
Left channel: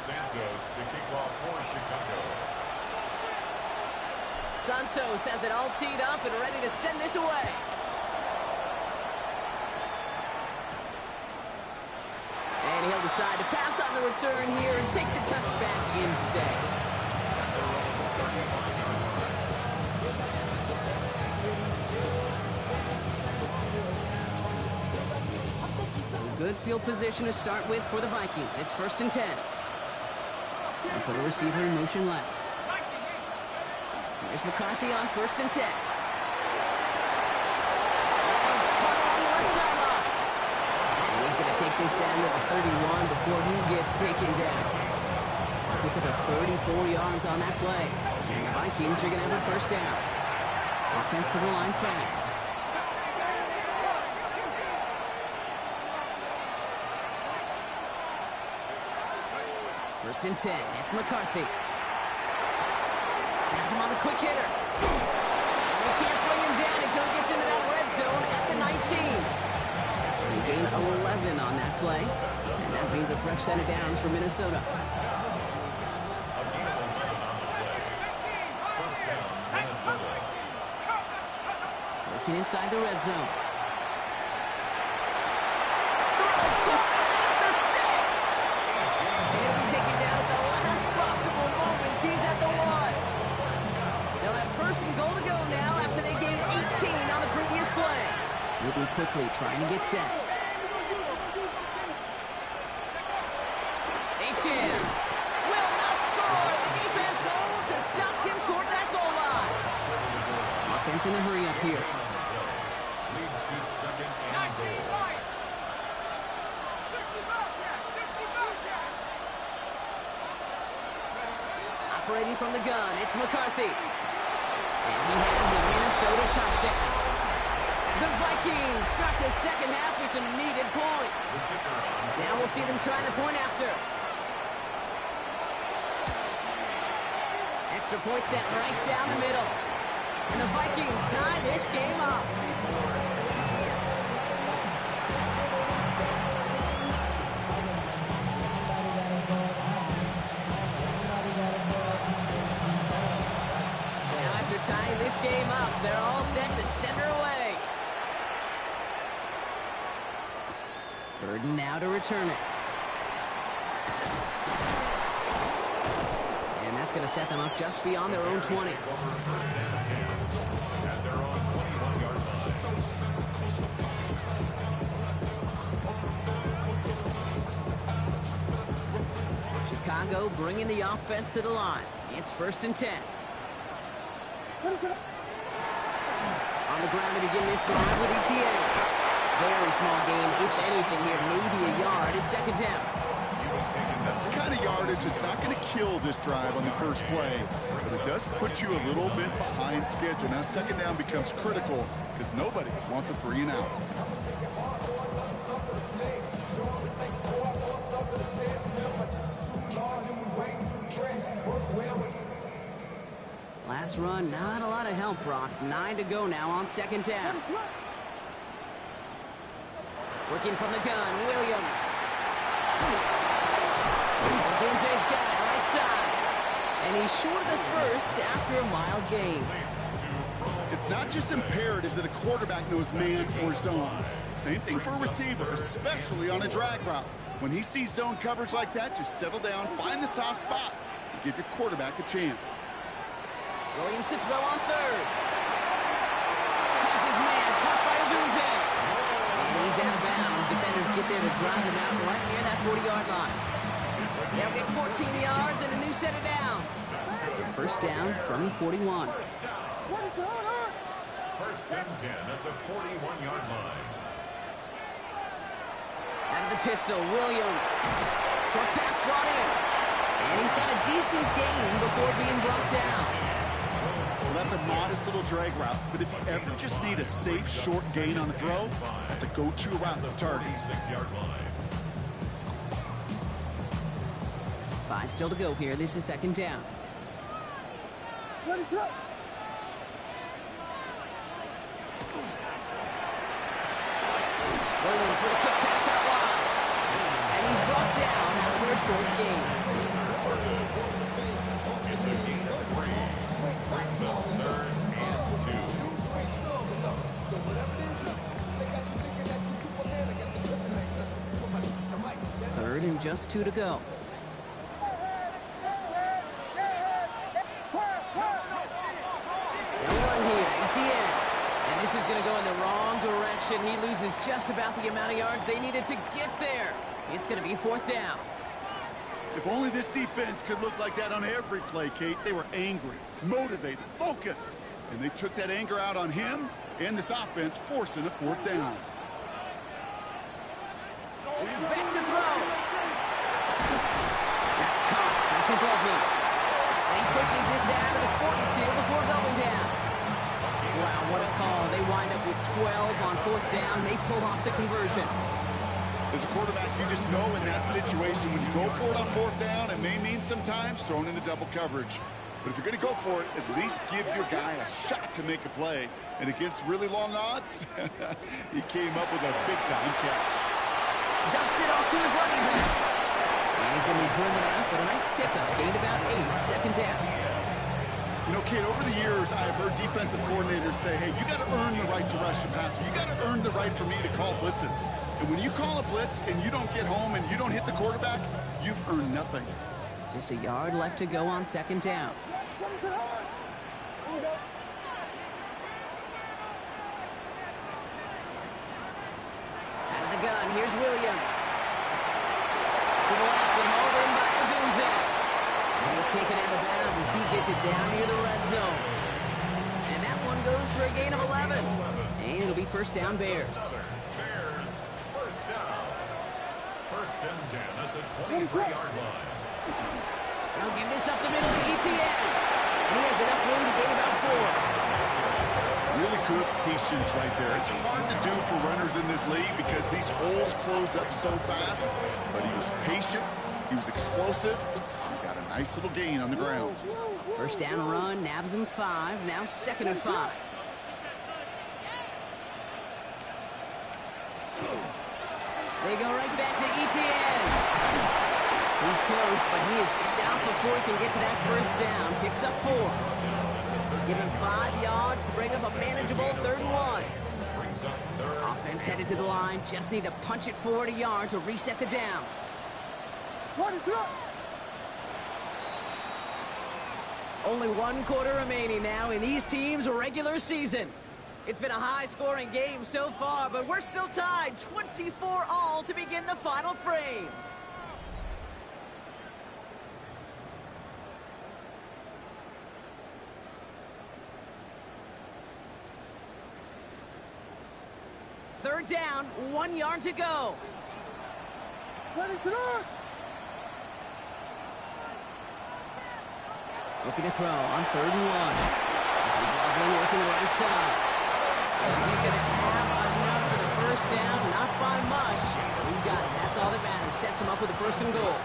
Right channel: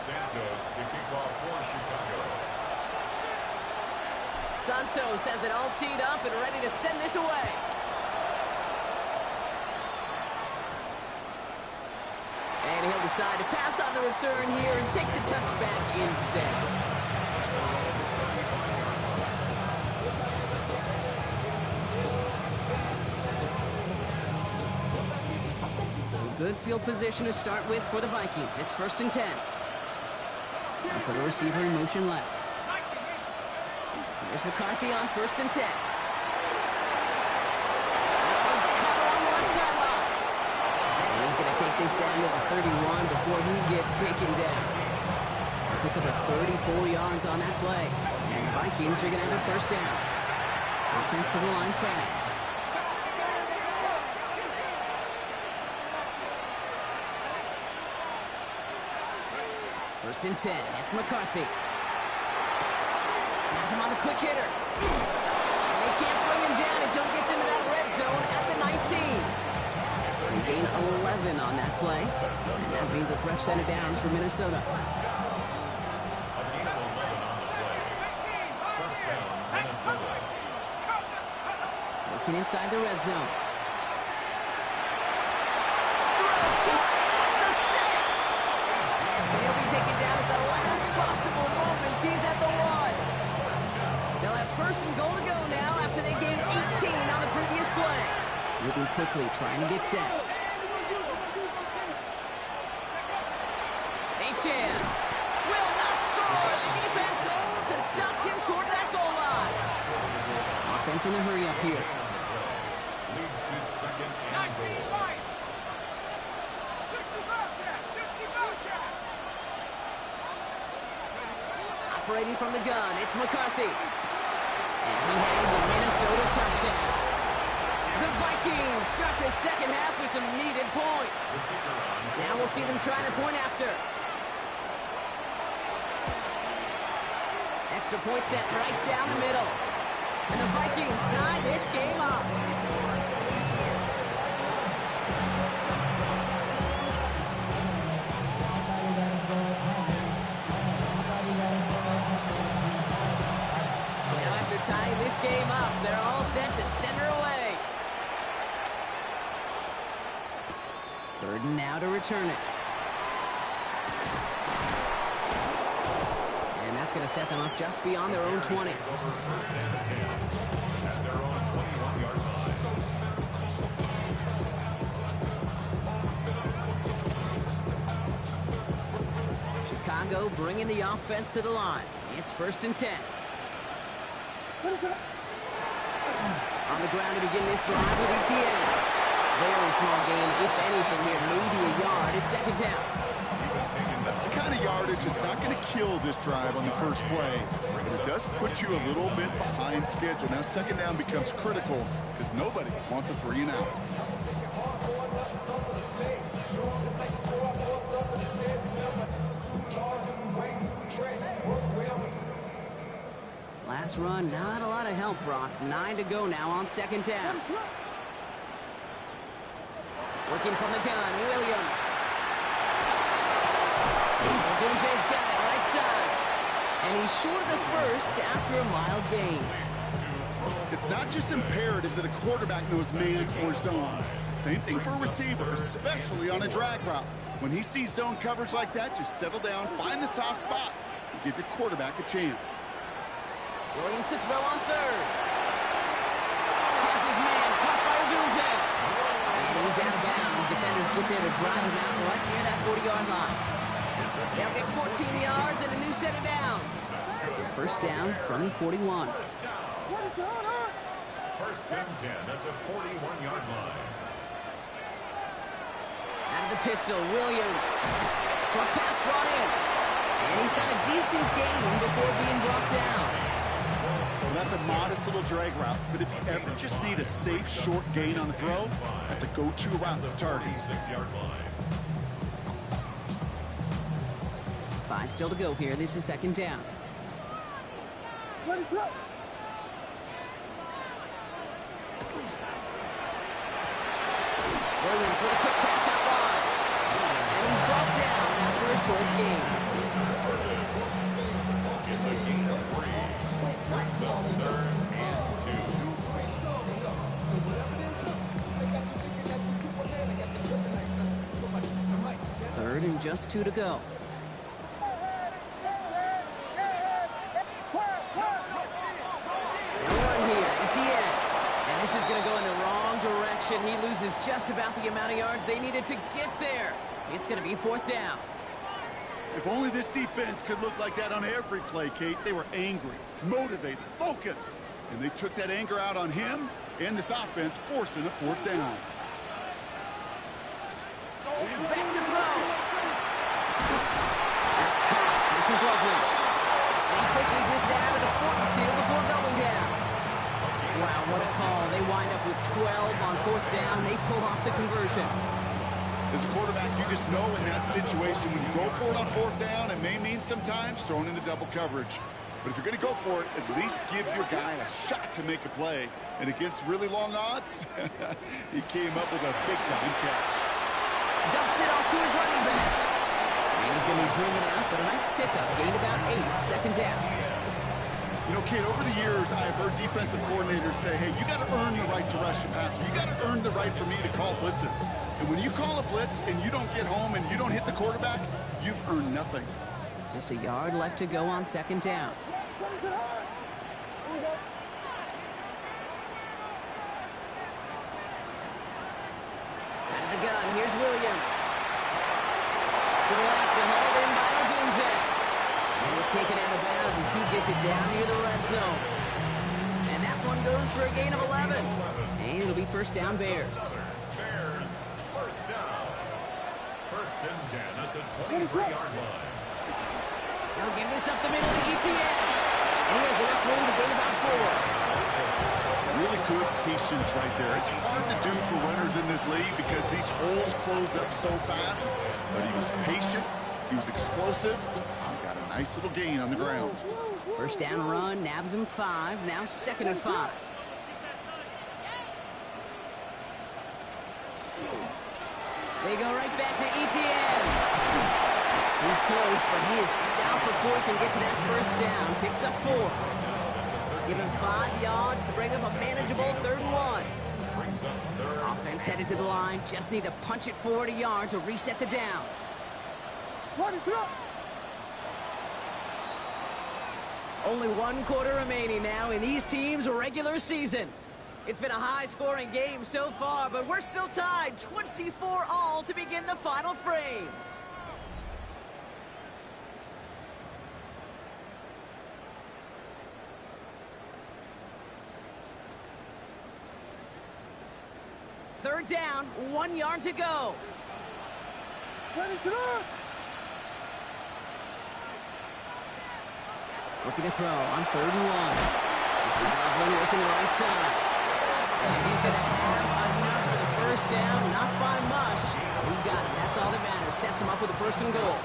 Santos to kick off for Chicago. Santos has it all teed up and ready to send this away. And he'll decide to pass on the return here and take the touchback instead. At their own 35-yard line. So good field position to start with for the Vikings. It's 1st and 10. They'll put a receiver in motion left. Here's McCarthy on 1st and 10. That one's cut along the left sideline. And he's going to take this down to the 31 before he gets taken down. They'll pick up a 34 yards on that play. And the Vikings are going to have a 1st down. Offense to the line fast. First and 10, it's McCarthy. Has him on the quick hitter. And they can't bring him down until he gets into that red zone at the 19. They gain 11 on that play. And that means a fresh set of downs for Minnesota. A gain of 11 on the play. 1st down, Minnesota. Working inside the red zone. Throw caught at the 6. And he'll be taken down at the last possible moment. He's at the 1. They'll have 1st and goal to go now after they gained 18 on the previous play. Moving quickly, trying to get set. HM will not score. The defense holds and stops him short of that goal line. Offense in a hurry up here. Leads to 2nd and goal. Operating from the gun, it's McCarthy. And he has the Minnesota touchdown. The Vikings start the 2nd half with some needed points. Now we'll see them try the point after. Extra point set right down the middle. And the Vikings tie this game up. Tying this game up, they're all set to send her away. Third and now to return it. And that's going to set them up just beyond their own 20. Takeover first and 10 at their own 21-yard line. Chicago bringing the offense to the line. It's first and 10. On the ground to begin this drive with ETN. Very small gain, if anything here, maybe a yard. It's second down. That's the kind of yardage that's not going to kill this drive on the first play, but it does put you a little bit behind schedule. Now second down becomes critical because nobody wants a 3 and out. Last run, not a lot of help, Brock. 9 to go now on second down. Working from the gun, Williams. Odunze's got it, right side. And he's short of the first after a mild gain. It's not just imperative that a quarterback knows man or zone. Same thing for a receiver, especially on a drag route. When he sees zone coverage like that, just settle down, find the soft spot, and give your quarterback a chance. Williams to throw on third. Has his man caught by Odunze. And he's out of bounds. Defenders get there to drive him out right near that 40-yard line. They'll get 14 yards and a new set of downs. So first down from the 41. First and 10 at the 41-yard line. Out of the pistol, Williams. Short pass brought in. And he's got a decent gain before being brought down. Well, that's a modest little drag route, but if you ever just need a safe short gain on the throw, that's a go-to route to target. 46-yard line. 5 still to go here. This is second down. Ready, set. Williams with a quick pass out wide. And he's brought down after a short gain. It's a gain of 3. Brings up third and 2. Third and just 2 to go. They'll run here, ETN. And this is going to go in the wrong direction. He loses just about the amount of yards they needed to get there. It's going to be fourth down. If only this defense could look like that on every play, Kate. They were angry, motivated, focused. And they took that anger out on him and this offense, forcing a fourth down. He's back to throw. That's Cox. This is Loveland. And he pushes this down to the 42 before going down. Wow, what a call. They wind up with 12 on fourth down. They pull off the conversion. As a quarterback, you just know in that situation, when you go for it on fourth down, it may mean sometimes thrown into double coverage. But if you're going to go for it, at least give your guy a shot to make a play. And against really long odds, he came up with a big-time catch. Dumps it off to his running back. And he's going to be driven out, but a nice pickup. Gained about 8, second down. You know, Kate, over the years, I have heard defensive coordinators say, hey, you got to earn the right to rush a passer. You got to earn the right for me to call blitzes. And when you call a blitz and you don't get home and you don't hit the quarterback, you've earned nothing. Just a yard left to go on second down. Out of the gun, here's Williams. To the left and hauled in by Odunze. And he's taken out of bounds as he gets it down near the red zone. And that one goes for a gain of 11. And it'll be first down, Bears. Bears, first down. First and 10 at the 23-yard line. Now give this up the middle to ETN. And he has enough room to gain about 4. Really good patience right there. It's hard to do for runners in this league because these holes close up so fast. But he was patient. He was explosive. He got a nice little gain on the ground. First down run, nabs him 5. Now second and 5. They go right back to ETN. He's close, but he is stout before he can get to that first down. Picks up 4. Give him 5 yards to bring up a manageable 3rd and 1. Brings up third. Offense headed to the line. Just need to punch it forward a yard to reset the downs. What is up? Only 1 quarter remaining now in these teams' regular season. It's been a high-scoring game so far, but we're still tied 24-all to begin the final frame. Third down, 1 yard to go. Ready to run! Looking to throw on 3rd and 1. This is Loveland working the right side. And he's going to have enough for the first down, not by much. He got it. That's all that matters. Sets him up with a 1st and goal.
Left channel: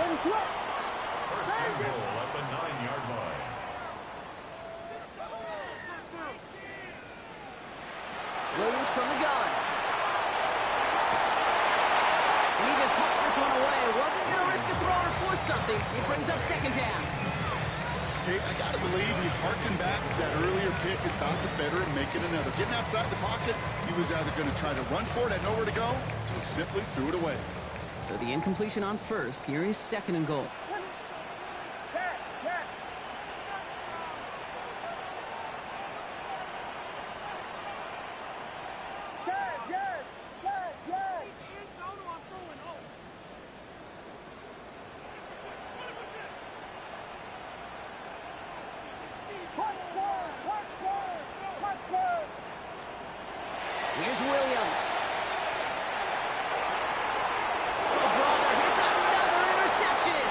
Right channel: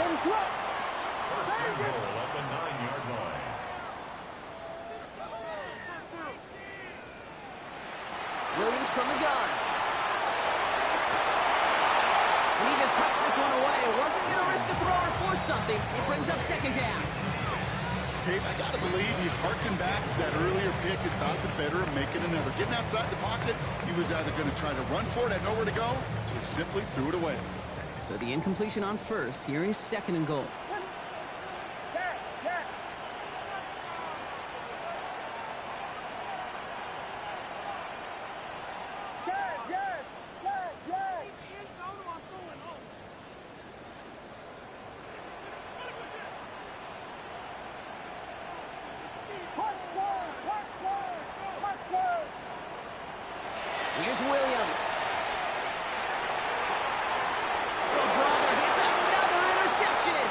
Ready to run! First and goal at the 9-yard line. Williams from the gun. And he just hucks this one away. Wasn't going to risk a throw or force something. It brings up 2nd down. Kate, I got to believe he harkened back to that earlier pick and thought the better of making another. Getting outside the pocket, he was either going to try to run for it, had nowhere to go, so he simply threw it away. So the incompletion on 1st. Here is 2nd and goal. Here's Williams. Oh, brother, it's another interception.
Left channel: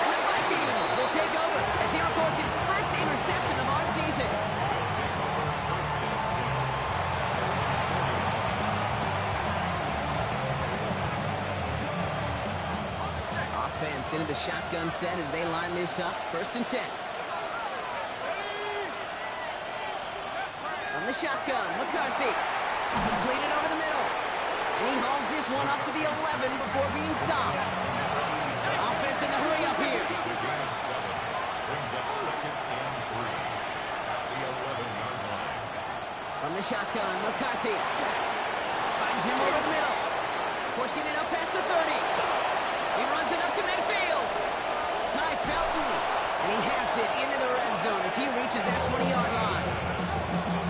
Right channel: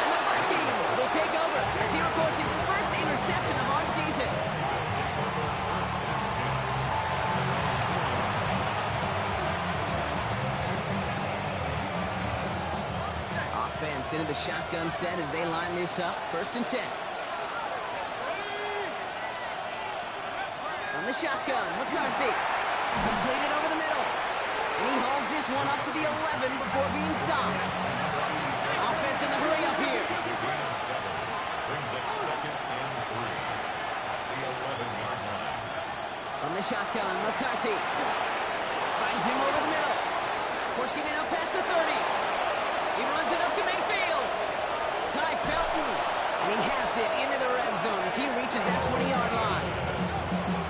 And the Vikings will take over as he records his 1st interception of our season. Takeover, 1st and 10. Offense into the shotgun set as they line this up. 1st and 10. From the shotgun, McCarthy. Completed over the middle. And he hauls this one up to the 11 before being stopped. Offense in the hurry up here. To gain of 7. Brings up 2nd and 3 at the 11-yard line. From the shotgun, McCarthy. Finds him over the middle. Pushing it up past the 30. He runs it up to midfield. Ty Felton. And he has it into the red zone as he reaches that 20-yard line.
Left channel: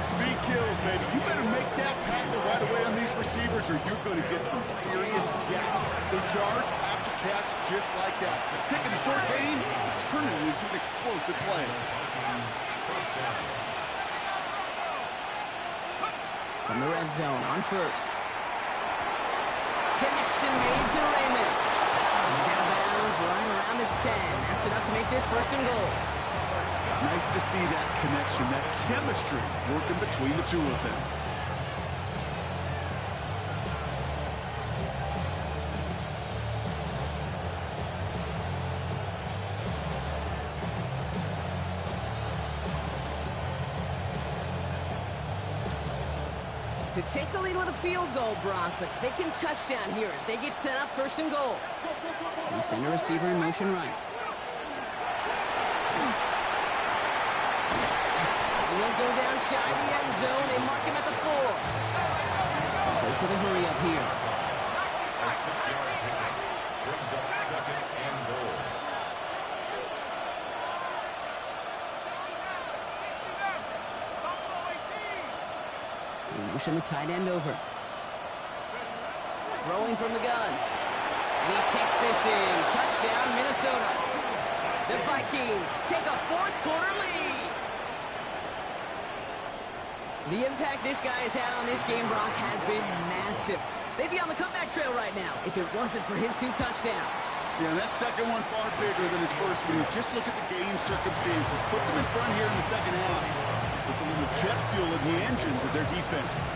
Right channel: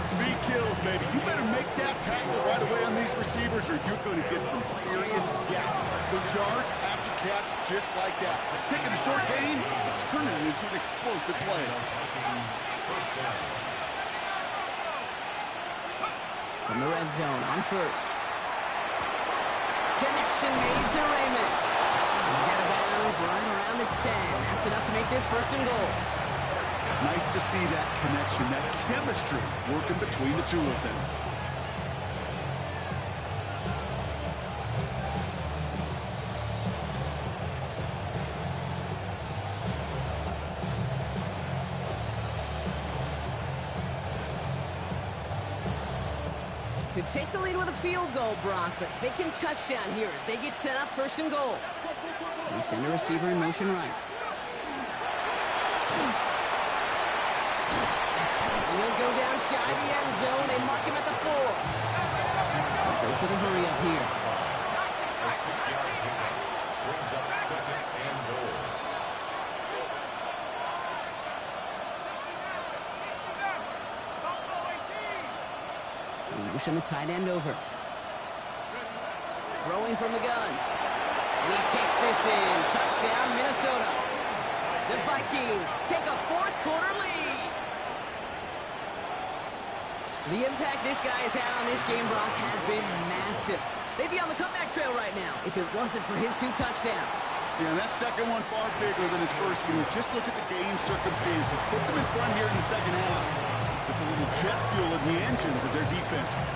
Speed kills, baby. You better make that tackle right away on these receivers or you're going to get some serious gap. Those yards after catch just like that. Taking a short gain, turning it into an explosive play. Vikings, 1st down. From the red zone on 1st. Connection made to Raymond. He's out of bounds right around the 10. That's enough to make this 1st and goal. Nice to see that connection, that chemistry working between the two of them. Could take the lead with a field goal, Brock, but thinking touchdown here as they get set up 1st and goal. They send a receiver in motion right. He'll go down shy of the end zone. They mark him at the 4. Goes to the hurry up here. A 6-yard pickup. Brings up 2nd and goal. They motion the tight end over. Throwing from the gun. And he takes this in. Touchdown, Minnesota. The Vikings take a 4th quarter lead. The impact this guy has had on this game, Brock, has been massive. They'd be on the comeback trail right now if it wasn't for his 2 touchdowns. Yeah, and that second one far bigger than his first when you just look at the game circumstances. Puts them in front here in the 2nd half. Puts a little jet fuel in the engines of their defense.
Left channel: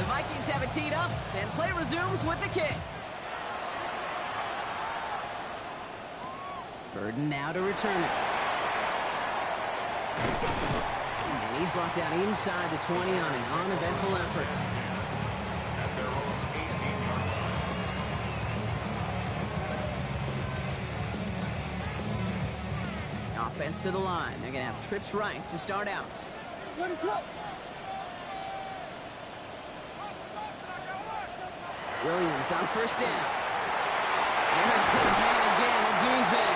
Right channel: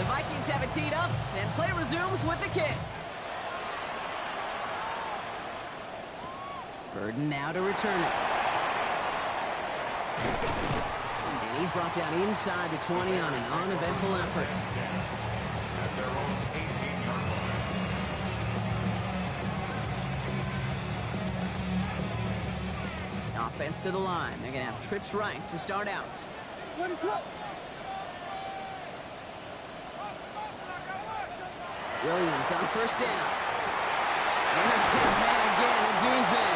The Vikings have it teed up, and play resumes with the kick. Burden now to return it. And he's brought down inside the 20 on an uneventful effort. At their own 18-yard line. Offense to the line. They're going to have trips right to start out. Williams on first down. And there's that man again, Adunze.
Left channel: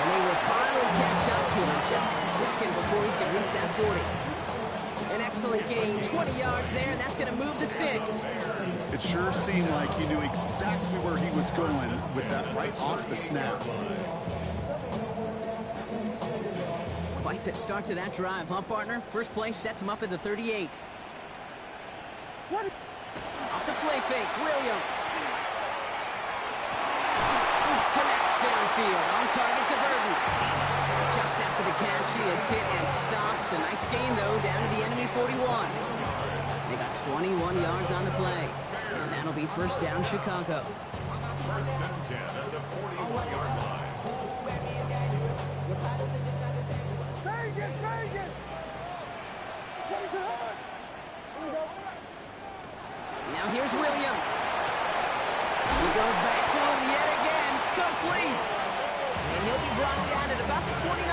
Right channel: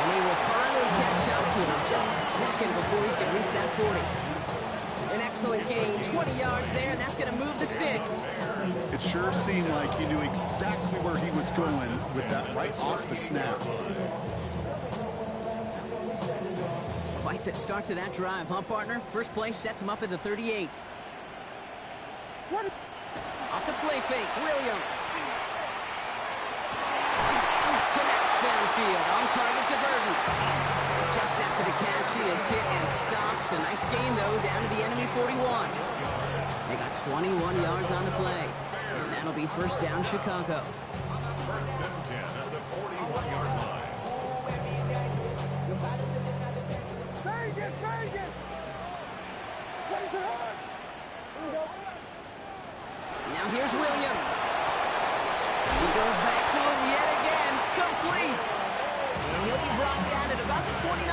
And they will finally catch up to him just a second before he can reach that 40. An excellent gain, 20 yards there, and that's going to move the sticks. It sure seemed like he knew exactly where he was going with that right off the snap. Quite the start to that drive, huh, partner? First play sets him up at the 38. Off the play fake, Williams. Connects downfield, on target to Burton. Just after the catch, he is hit and stopped. A nice gain, though, down to the enemy 41. They got 21 yards on the play. And that'll be first down, Chicago. First and 10 at the 41-yard line. Now here's Williams. He goes back to him yet again. Complete. And he'll be brought down at about the 29.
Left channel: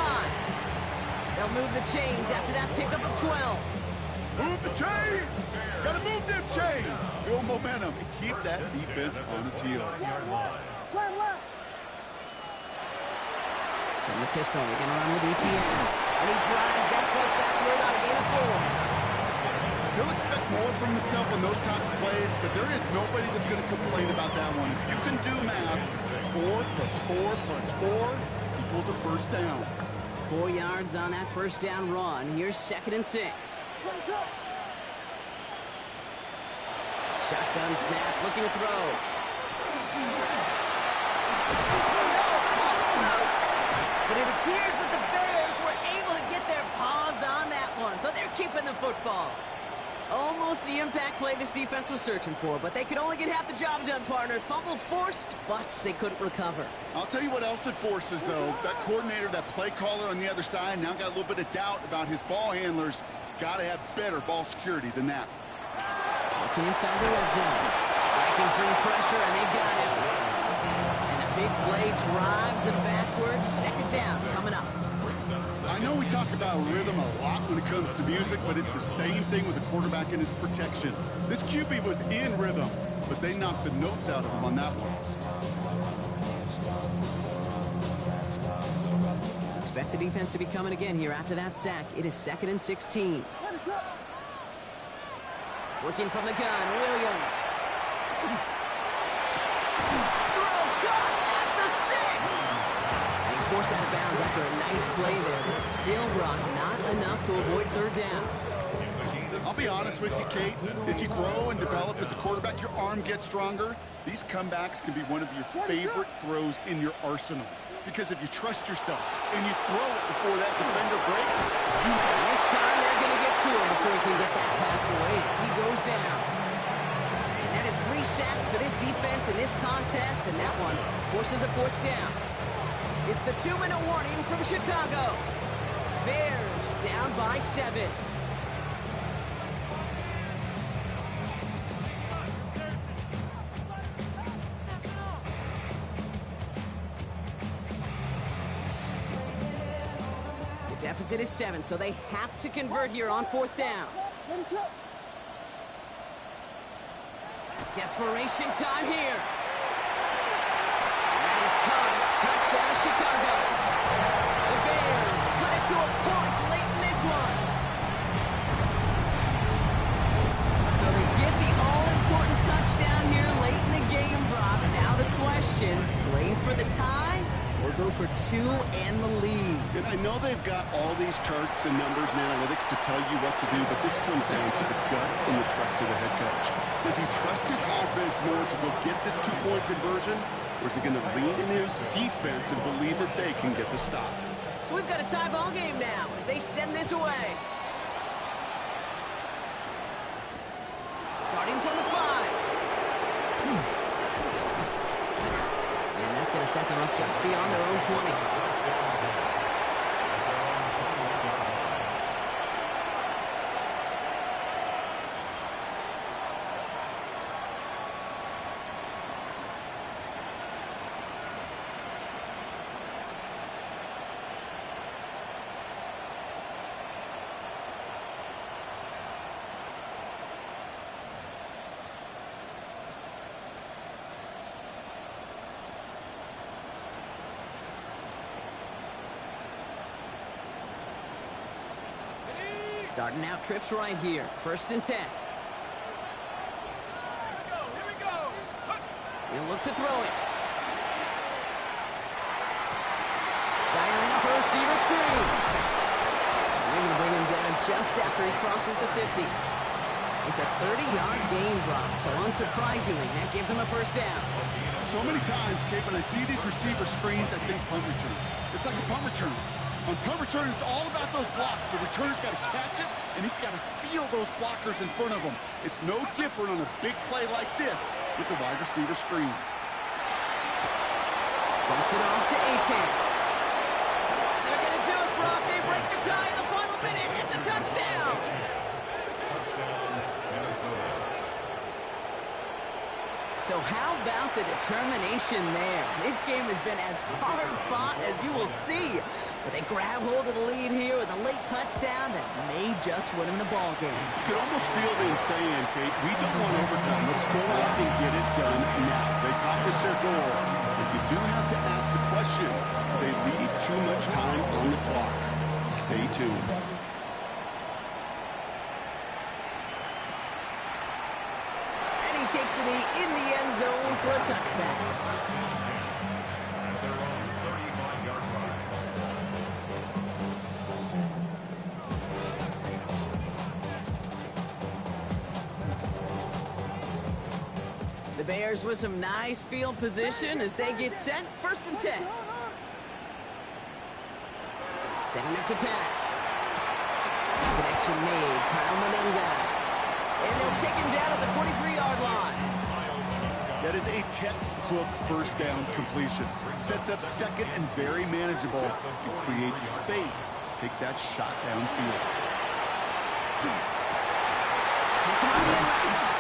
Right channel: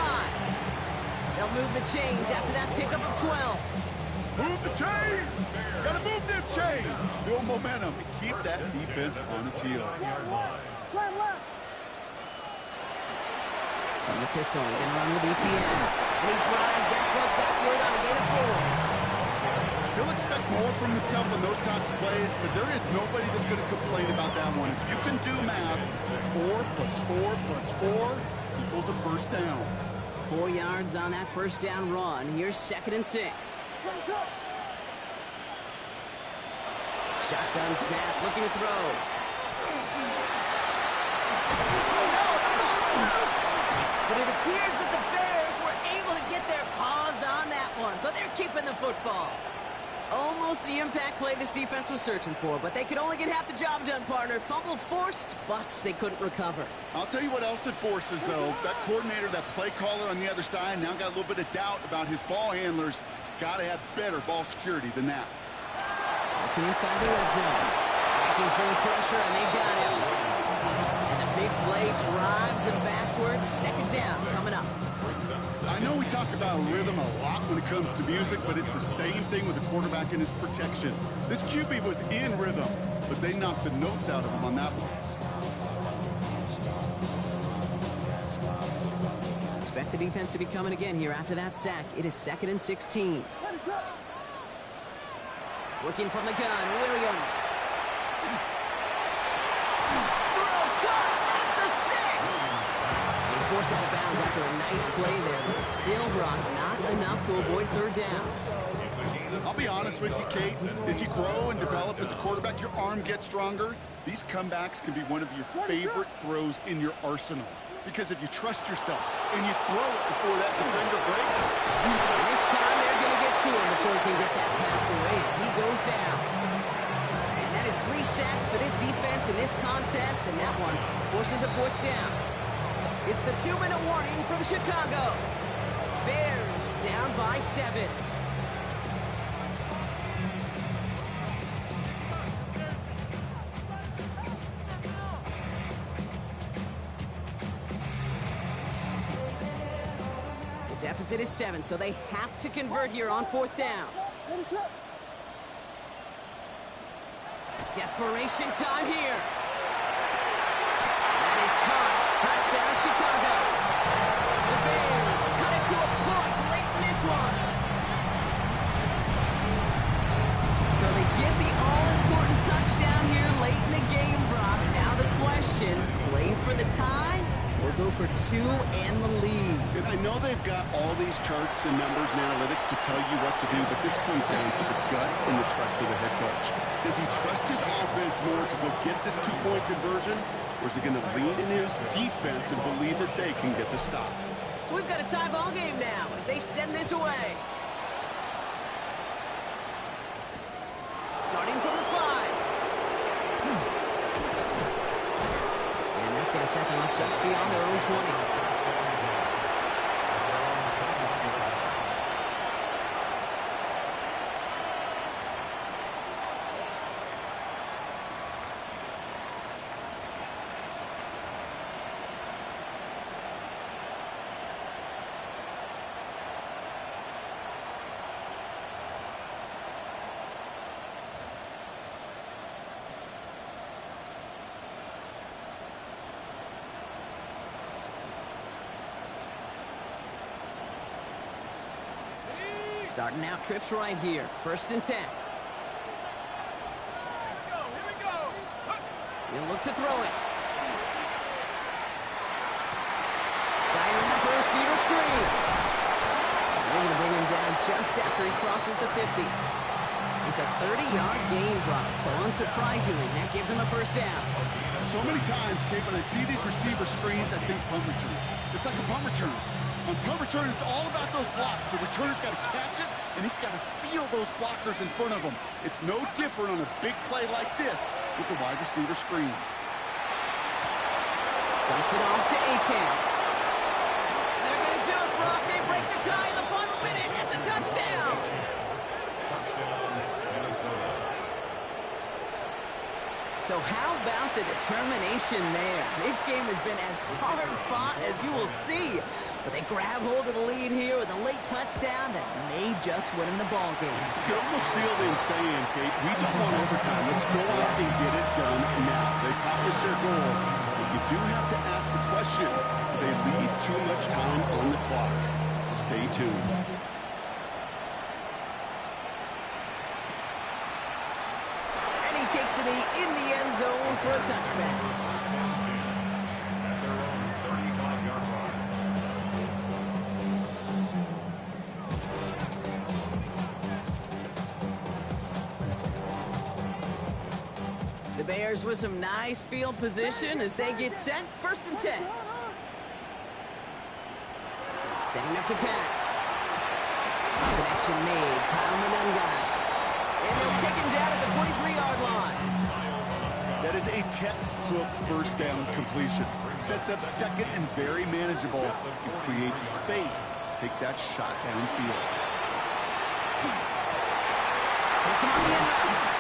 They'll move the chains after that pickup of 12. Move the chains! Gotta move them chains! Build momentum and keep that defense on its heels. Slam left. From the pistol, he's going to run with ETN. And he drives that foot backward on a gain of 4. He'll expect more from himself on those type of plays, but there is nobody that's going to complain about that one. If you can do math, 4 plus 4 plus 4 equals a first down. 4 yards on that first down run. Here's 2nd and 6. Shotgun snap, looking to throw. Oh no, the ball is loose! But it appears that the Bears were able to get their paws on that one, so they're keeping the football. Almost the impact play this defense was searching for, but they could only get half the job done, partner. Fumble forced, but they couldn't recover. I'll tell you what else it forces, though. That coordinator, that play caller on the other side, now got a little bit of doubt about his ball handlers. Got to have better ball security than that. Looking inside the red zone. Vikings bring pressure, and they got him. And the big play drives them backwards. 2nd down coming up. I know we talk about rhythm a lot when it comes to music, but it's the same thing with the quarterback and his protection. This QB was in rhythm, but they knocked the notes out of him on that one. Expect the defense to be coming again here after that sack. It is 2nd and 16. Working from the gun, Williams. Throw caught at the 6. And he's forced out of bounds after a nice play there, but still, Brock, not enough to avoid 3rd down. I'll be honest with you, Kate. As you grow and develop as a quarterback, your arm gets stronger. These comebacks can be one of your favorite throws in your arsenal. Because if you trust yourself and you throw it before that defender breaks, and this time they're going to get to him before he can get that pass away as he goes down. And that is 3 sacks for this defense in this contest, and that one forces a 4th down. It's the 2-minute warning from Chicago. Bears down by 7. The deficit is 7, so they have to convert here on 4th down. Desperation time here. That is caught. Touchdown, Chicago. The Bears cut it to a point late in this one. So they get the all-important touchdown here late in the game, Brock. Now the question, play for the tie or go for 2 and the lead? And I know they've got all these charts and numbers and analytics to tell you what to do, but this comes down to the gut and the trust of the head coach. Does he trust his offense more to go get this 2-point conversion, or is he going to lean in his defense and believe that they can get the stop? So we've got a tie ball game now as they send this away. Starting from the 5. And that's going to set them up just beyond their own 20. Starting out trips right here. 1st and 10. He'll look to throw it. Dialing up a receiver screen. They're going to bring him down just after he crosses the 50. It's a 30-yard gain, Brock, so unsurprisingly, that gives him a 1st down. So many times, Kate, when I see these receiver screens, I think punt return. It's like a punt return. On punt return, it's all about those blocks. The returner's got to catch it, and he's got to feel those blockers in front of him. It's no different on a big play like this with the wide receiver screen. Dumps it off to Achane. They're going to do it, Brock. They break the tie in the final minute. It's a touchdown. Touchdown, Minnesota. So how about the determination there? This game has been as hard fought as you will see. But they grab hold of the lead here with a late touchdown that may just win them the ball game. You could almost feel them saying, Kate, we don't want overtime. Let's go out and get it done now. They accomplished their goal. But you do have to ask the question, do they leave too much time on the clock? Stay tuned. And he takes it in the end zone for a touchback. 1st and 10 at their own 35-yard line. The Bears with some nice field position as they get set. 1st and 10. Setting up to pass. Connection made. Kyle Monungai. And they'll take him down at the 43-yard line. That is a textbook 1st down completion. Sets up 2nd and very manageable and creates space to take that shot downfield. Hits him on the end route.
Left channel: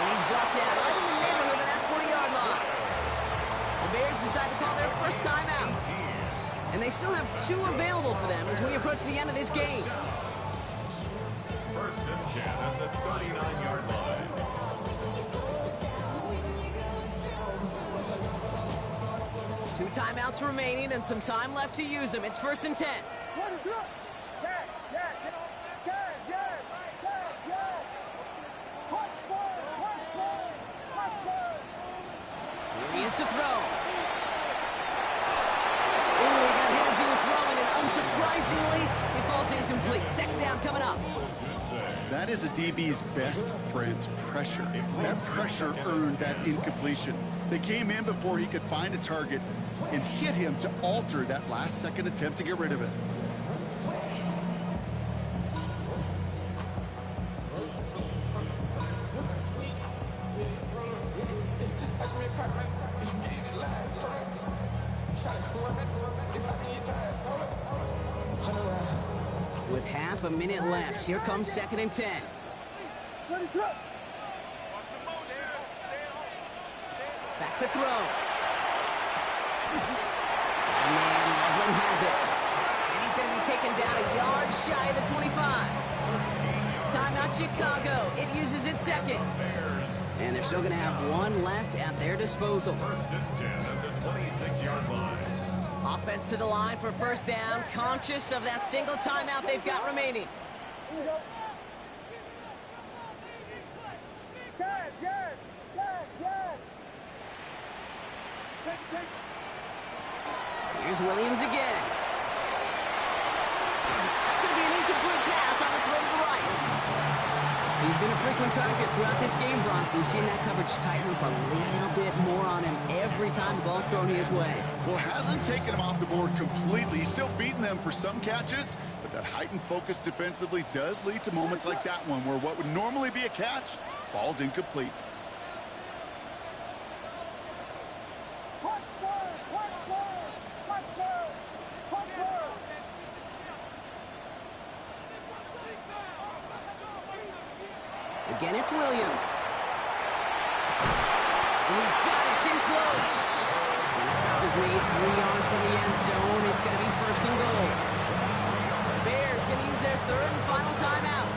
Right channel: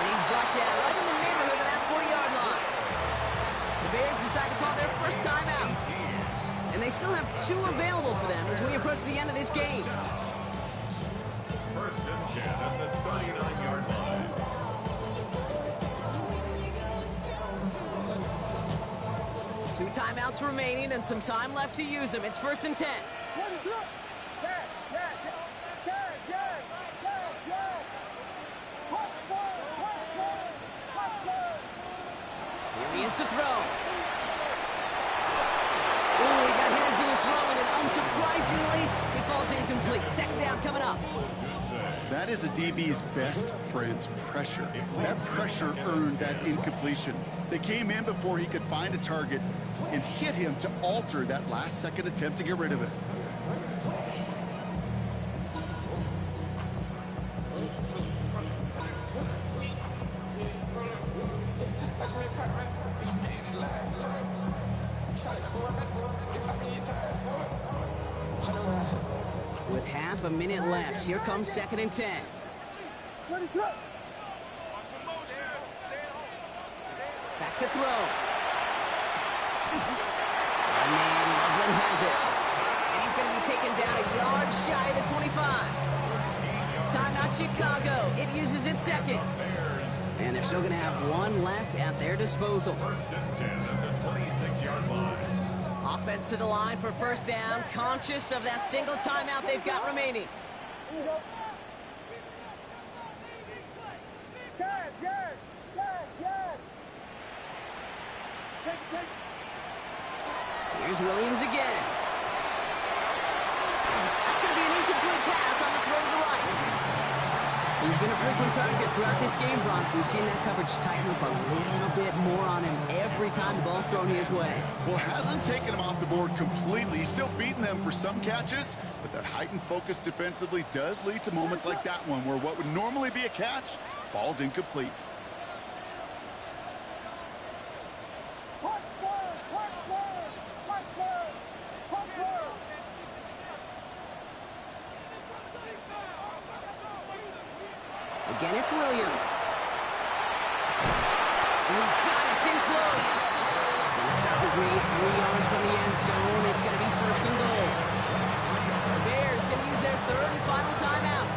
And he's brought down right in the neighborhood of that 40-yard line. The Bears decide to call their 1st timeout. And they still have 2 available for them as we approach the end of this game. 1st and 10 at the 39-yard line. Two timeouts remaining and some time left to use them. It's 1st and 10. What is up? Yes, yes, yes, yes, yes, yes, yes. Touchdown. Here he is to throw. Oh, he got hit as he was throwing, and unsurprisingly, he falls incomplete. 2nd down coming up. That is a DB's best friend, pressure. That pressure earned that incompletion. They came in before he could find a target and hit him to alter that last-second attempt to get rid of it. With half a minute left, here comes 2nd and 10. What is up? Back to throw. Oh, man, Loveland has it. And he's going to be taken down a yard shy of the 25. Timeout Chicago. It uses its 2nd. And they're still going to have 1 left at their disposal. 1st and 10 at the 26-yard line. Offense to the line for 1st down, conscious of that single timeout they've got remaining. Here we go. Yes, yes, yes, yes. Take it. Here's Williams again. That's going to be an incomplete pass on the throw to the right. He's been a frequent target throughout this game, Brock. We've seen that coverage tighten up a little bit more on him every time the ball's thrown his way. Well, hasn't taken him off the board completely. He's still beating them for some catches, but that heightened focus defensively does lead to moments like that one where what would normally be a catch falls incomplete. Again, it's Williams. And he's got it. It's in close. And the stop is made 3 yards from the end zone. It's going to be 1st and goal. The Bears going to use their 3rd and final timeout.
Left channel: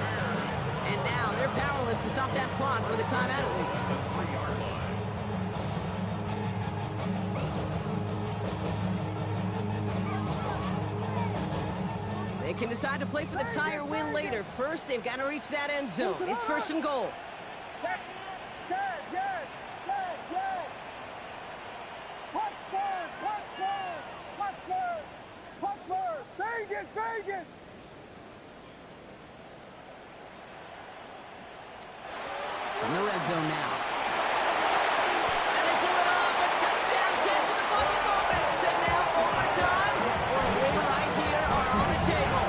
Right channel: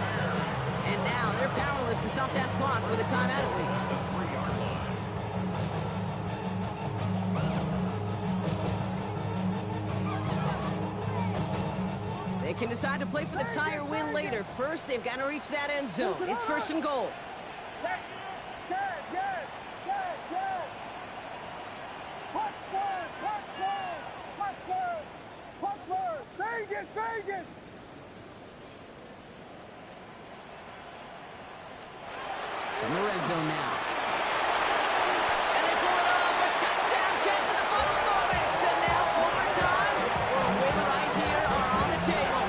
And now they're powerless to stop that clock with a timeout at least. The 3-yard line. They They can decide to play for the tie or win later. First, they've got to reach that end zone. It's first and goal. Yes, yes, yes, yes, yes. Punch first, punch first, punch first, punch first. Vegas, Vegas. From the red zone now. And they pull it off. A touchdown catch in the final moments. And now overtime. Well, a win right here are on the table.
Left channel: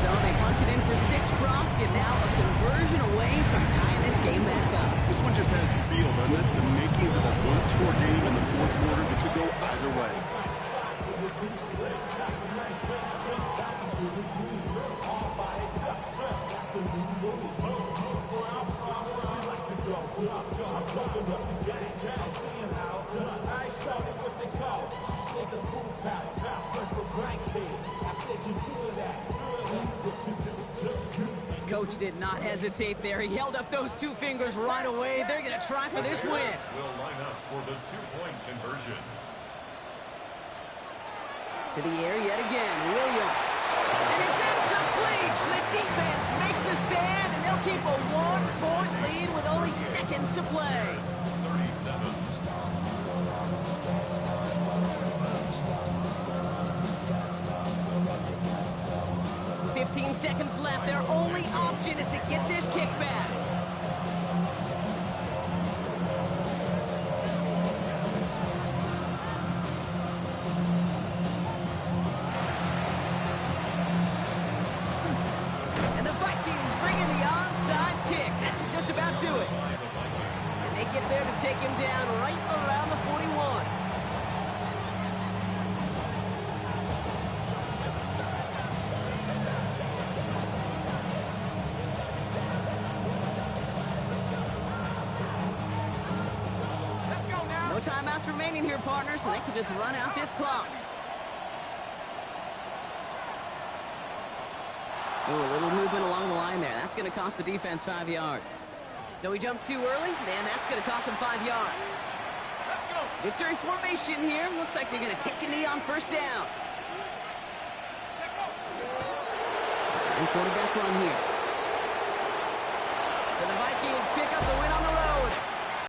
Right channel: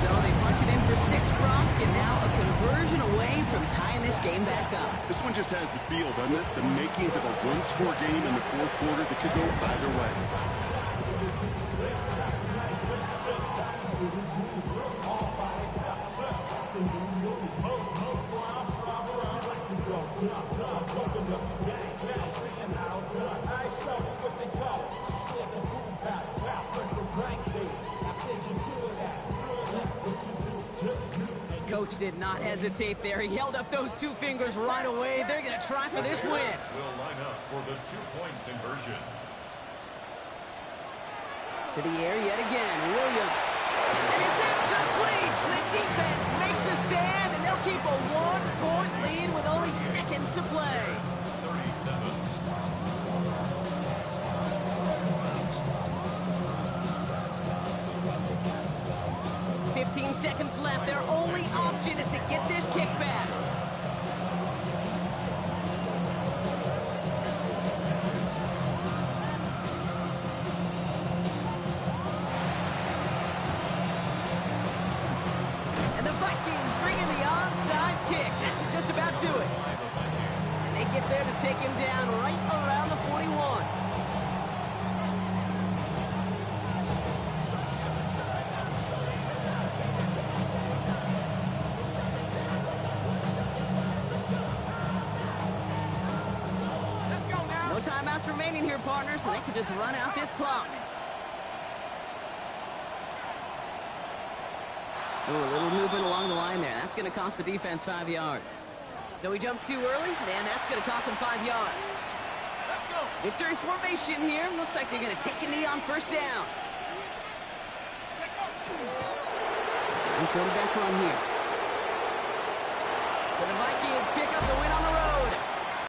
So they punch it in for 6, Brock, and now a conversion away from tying this game back up. This one just has the feel, doesn't it? The makings of a one-score game in the fourth quarter that could go either way. Coach did not hesitate there. He held up those 2 fingers right away. They're going to try for this win. Will line up for the 2-point conversion. To the air yet again, Williams. And it's incomplete. The defense makes a stand, and they'll keep a 1-point lead with only seconds to play. 37. 15 seconds left. Their only option is to get this kick back. And the Vikings bring in the onside kick. That should just about do it. And they get there to take him down right around the 41. No timeouts remaining here, partners, and they can just run out this clock. Ooh, a little movement along the line there. That's going to cost the defense 5 yards. So he jumped too early, and that's going to cost him 5 yards. Let's go. Victory formation here. Looks like they're going to take a knee on first down. Second quarterback run here. So the Vikings pick up the win on the road.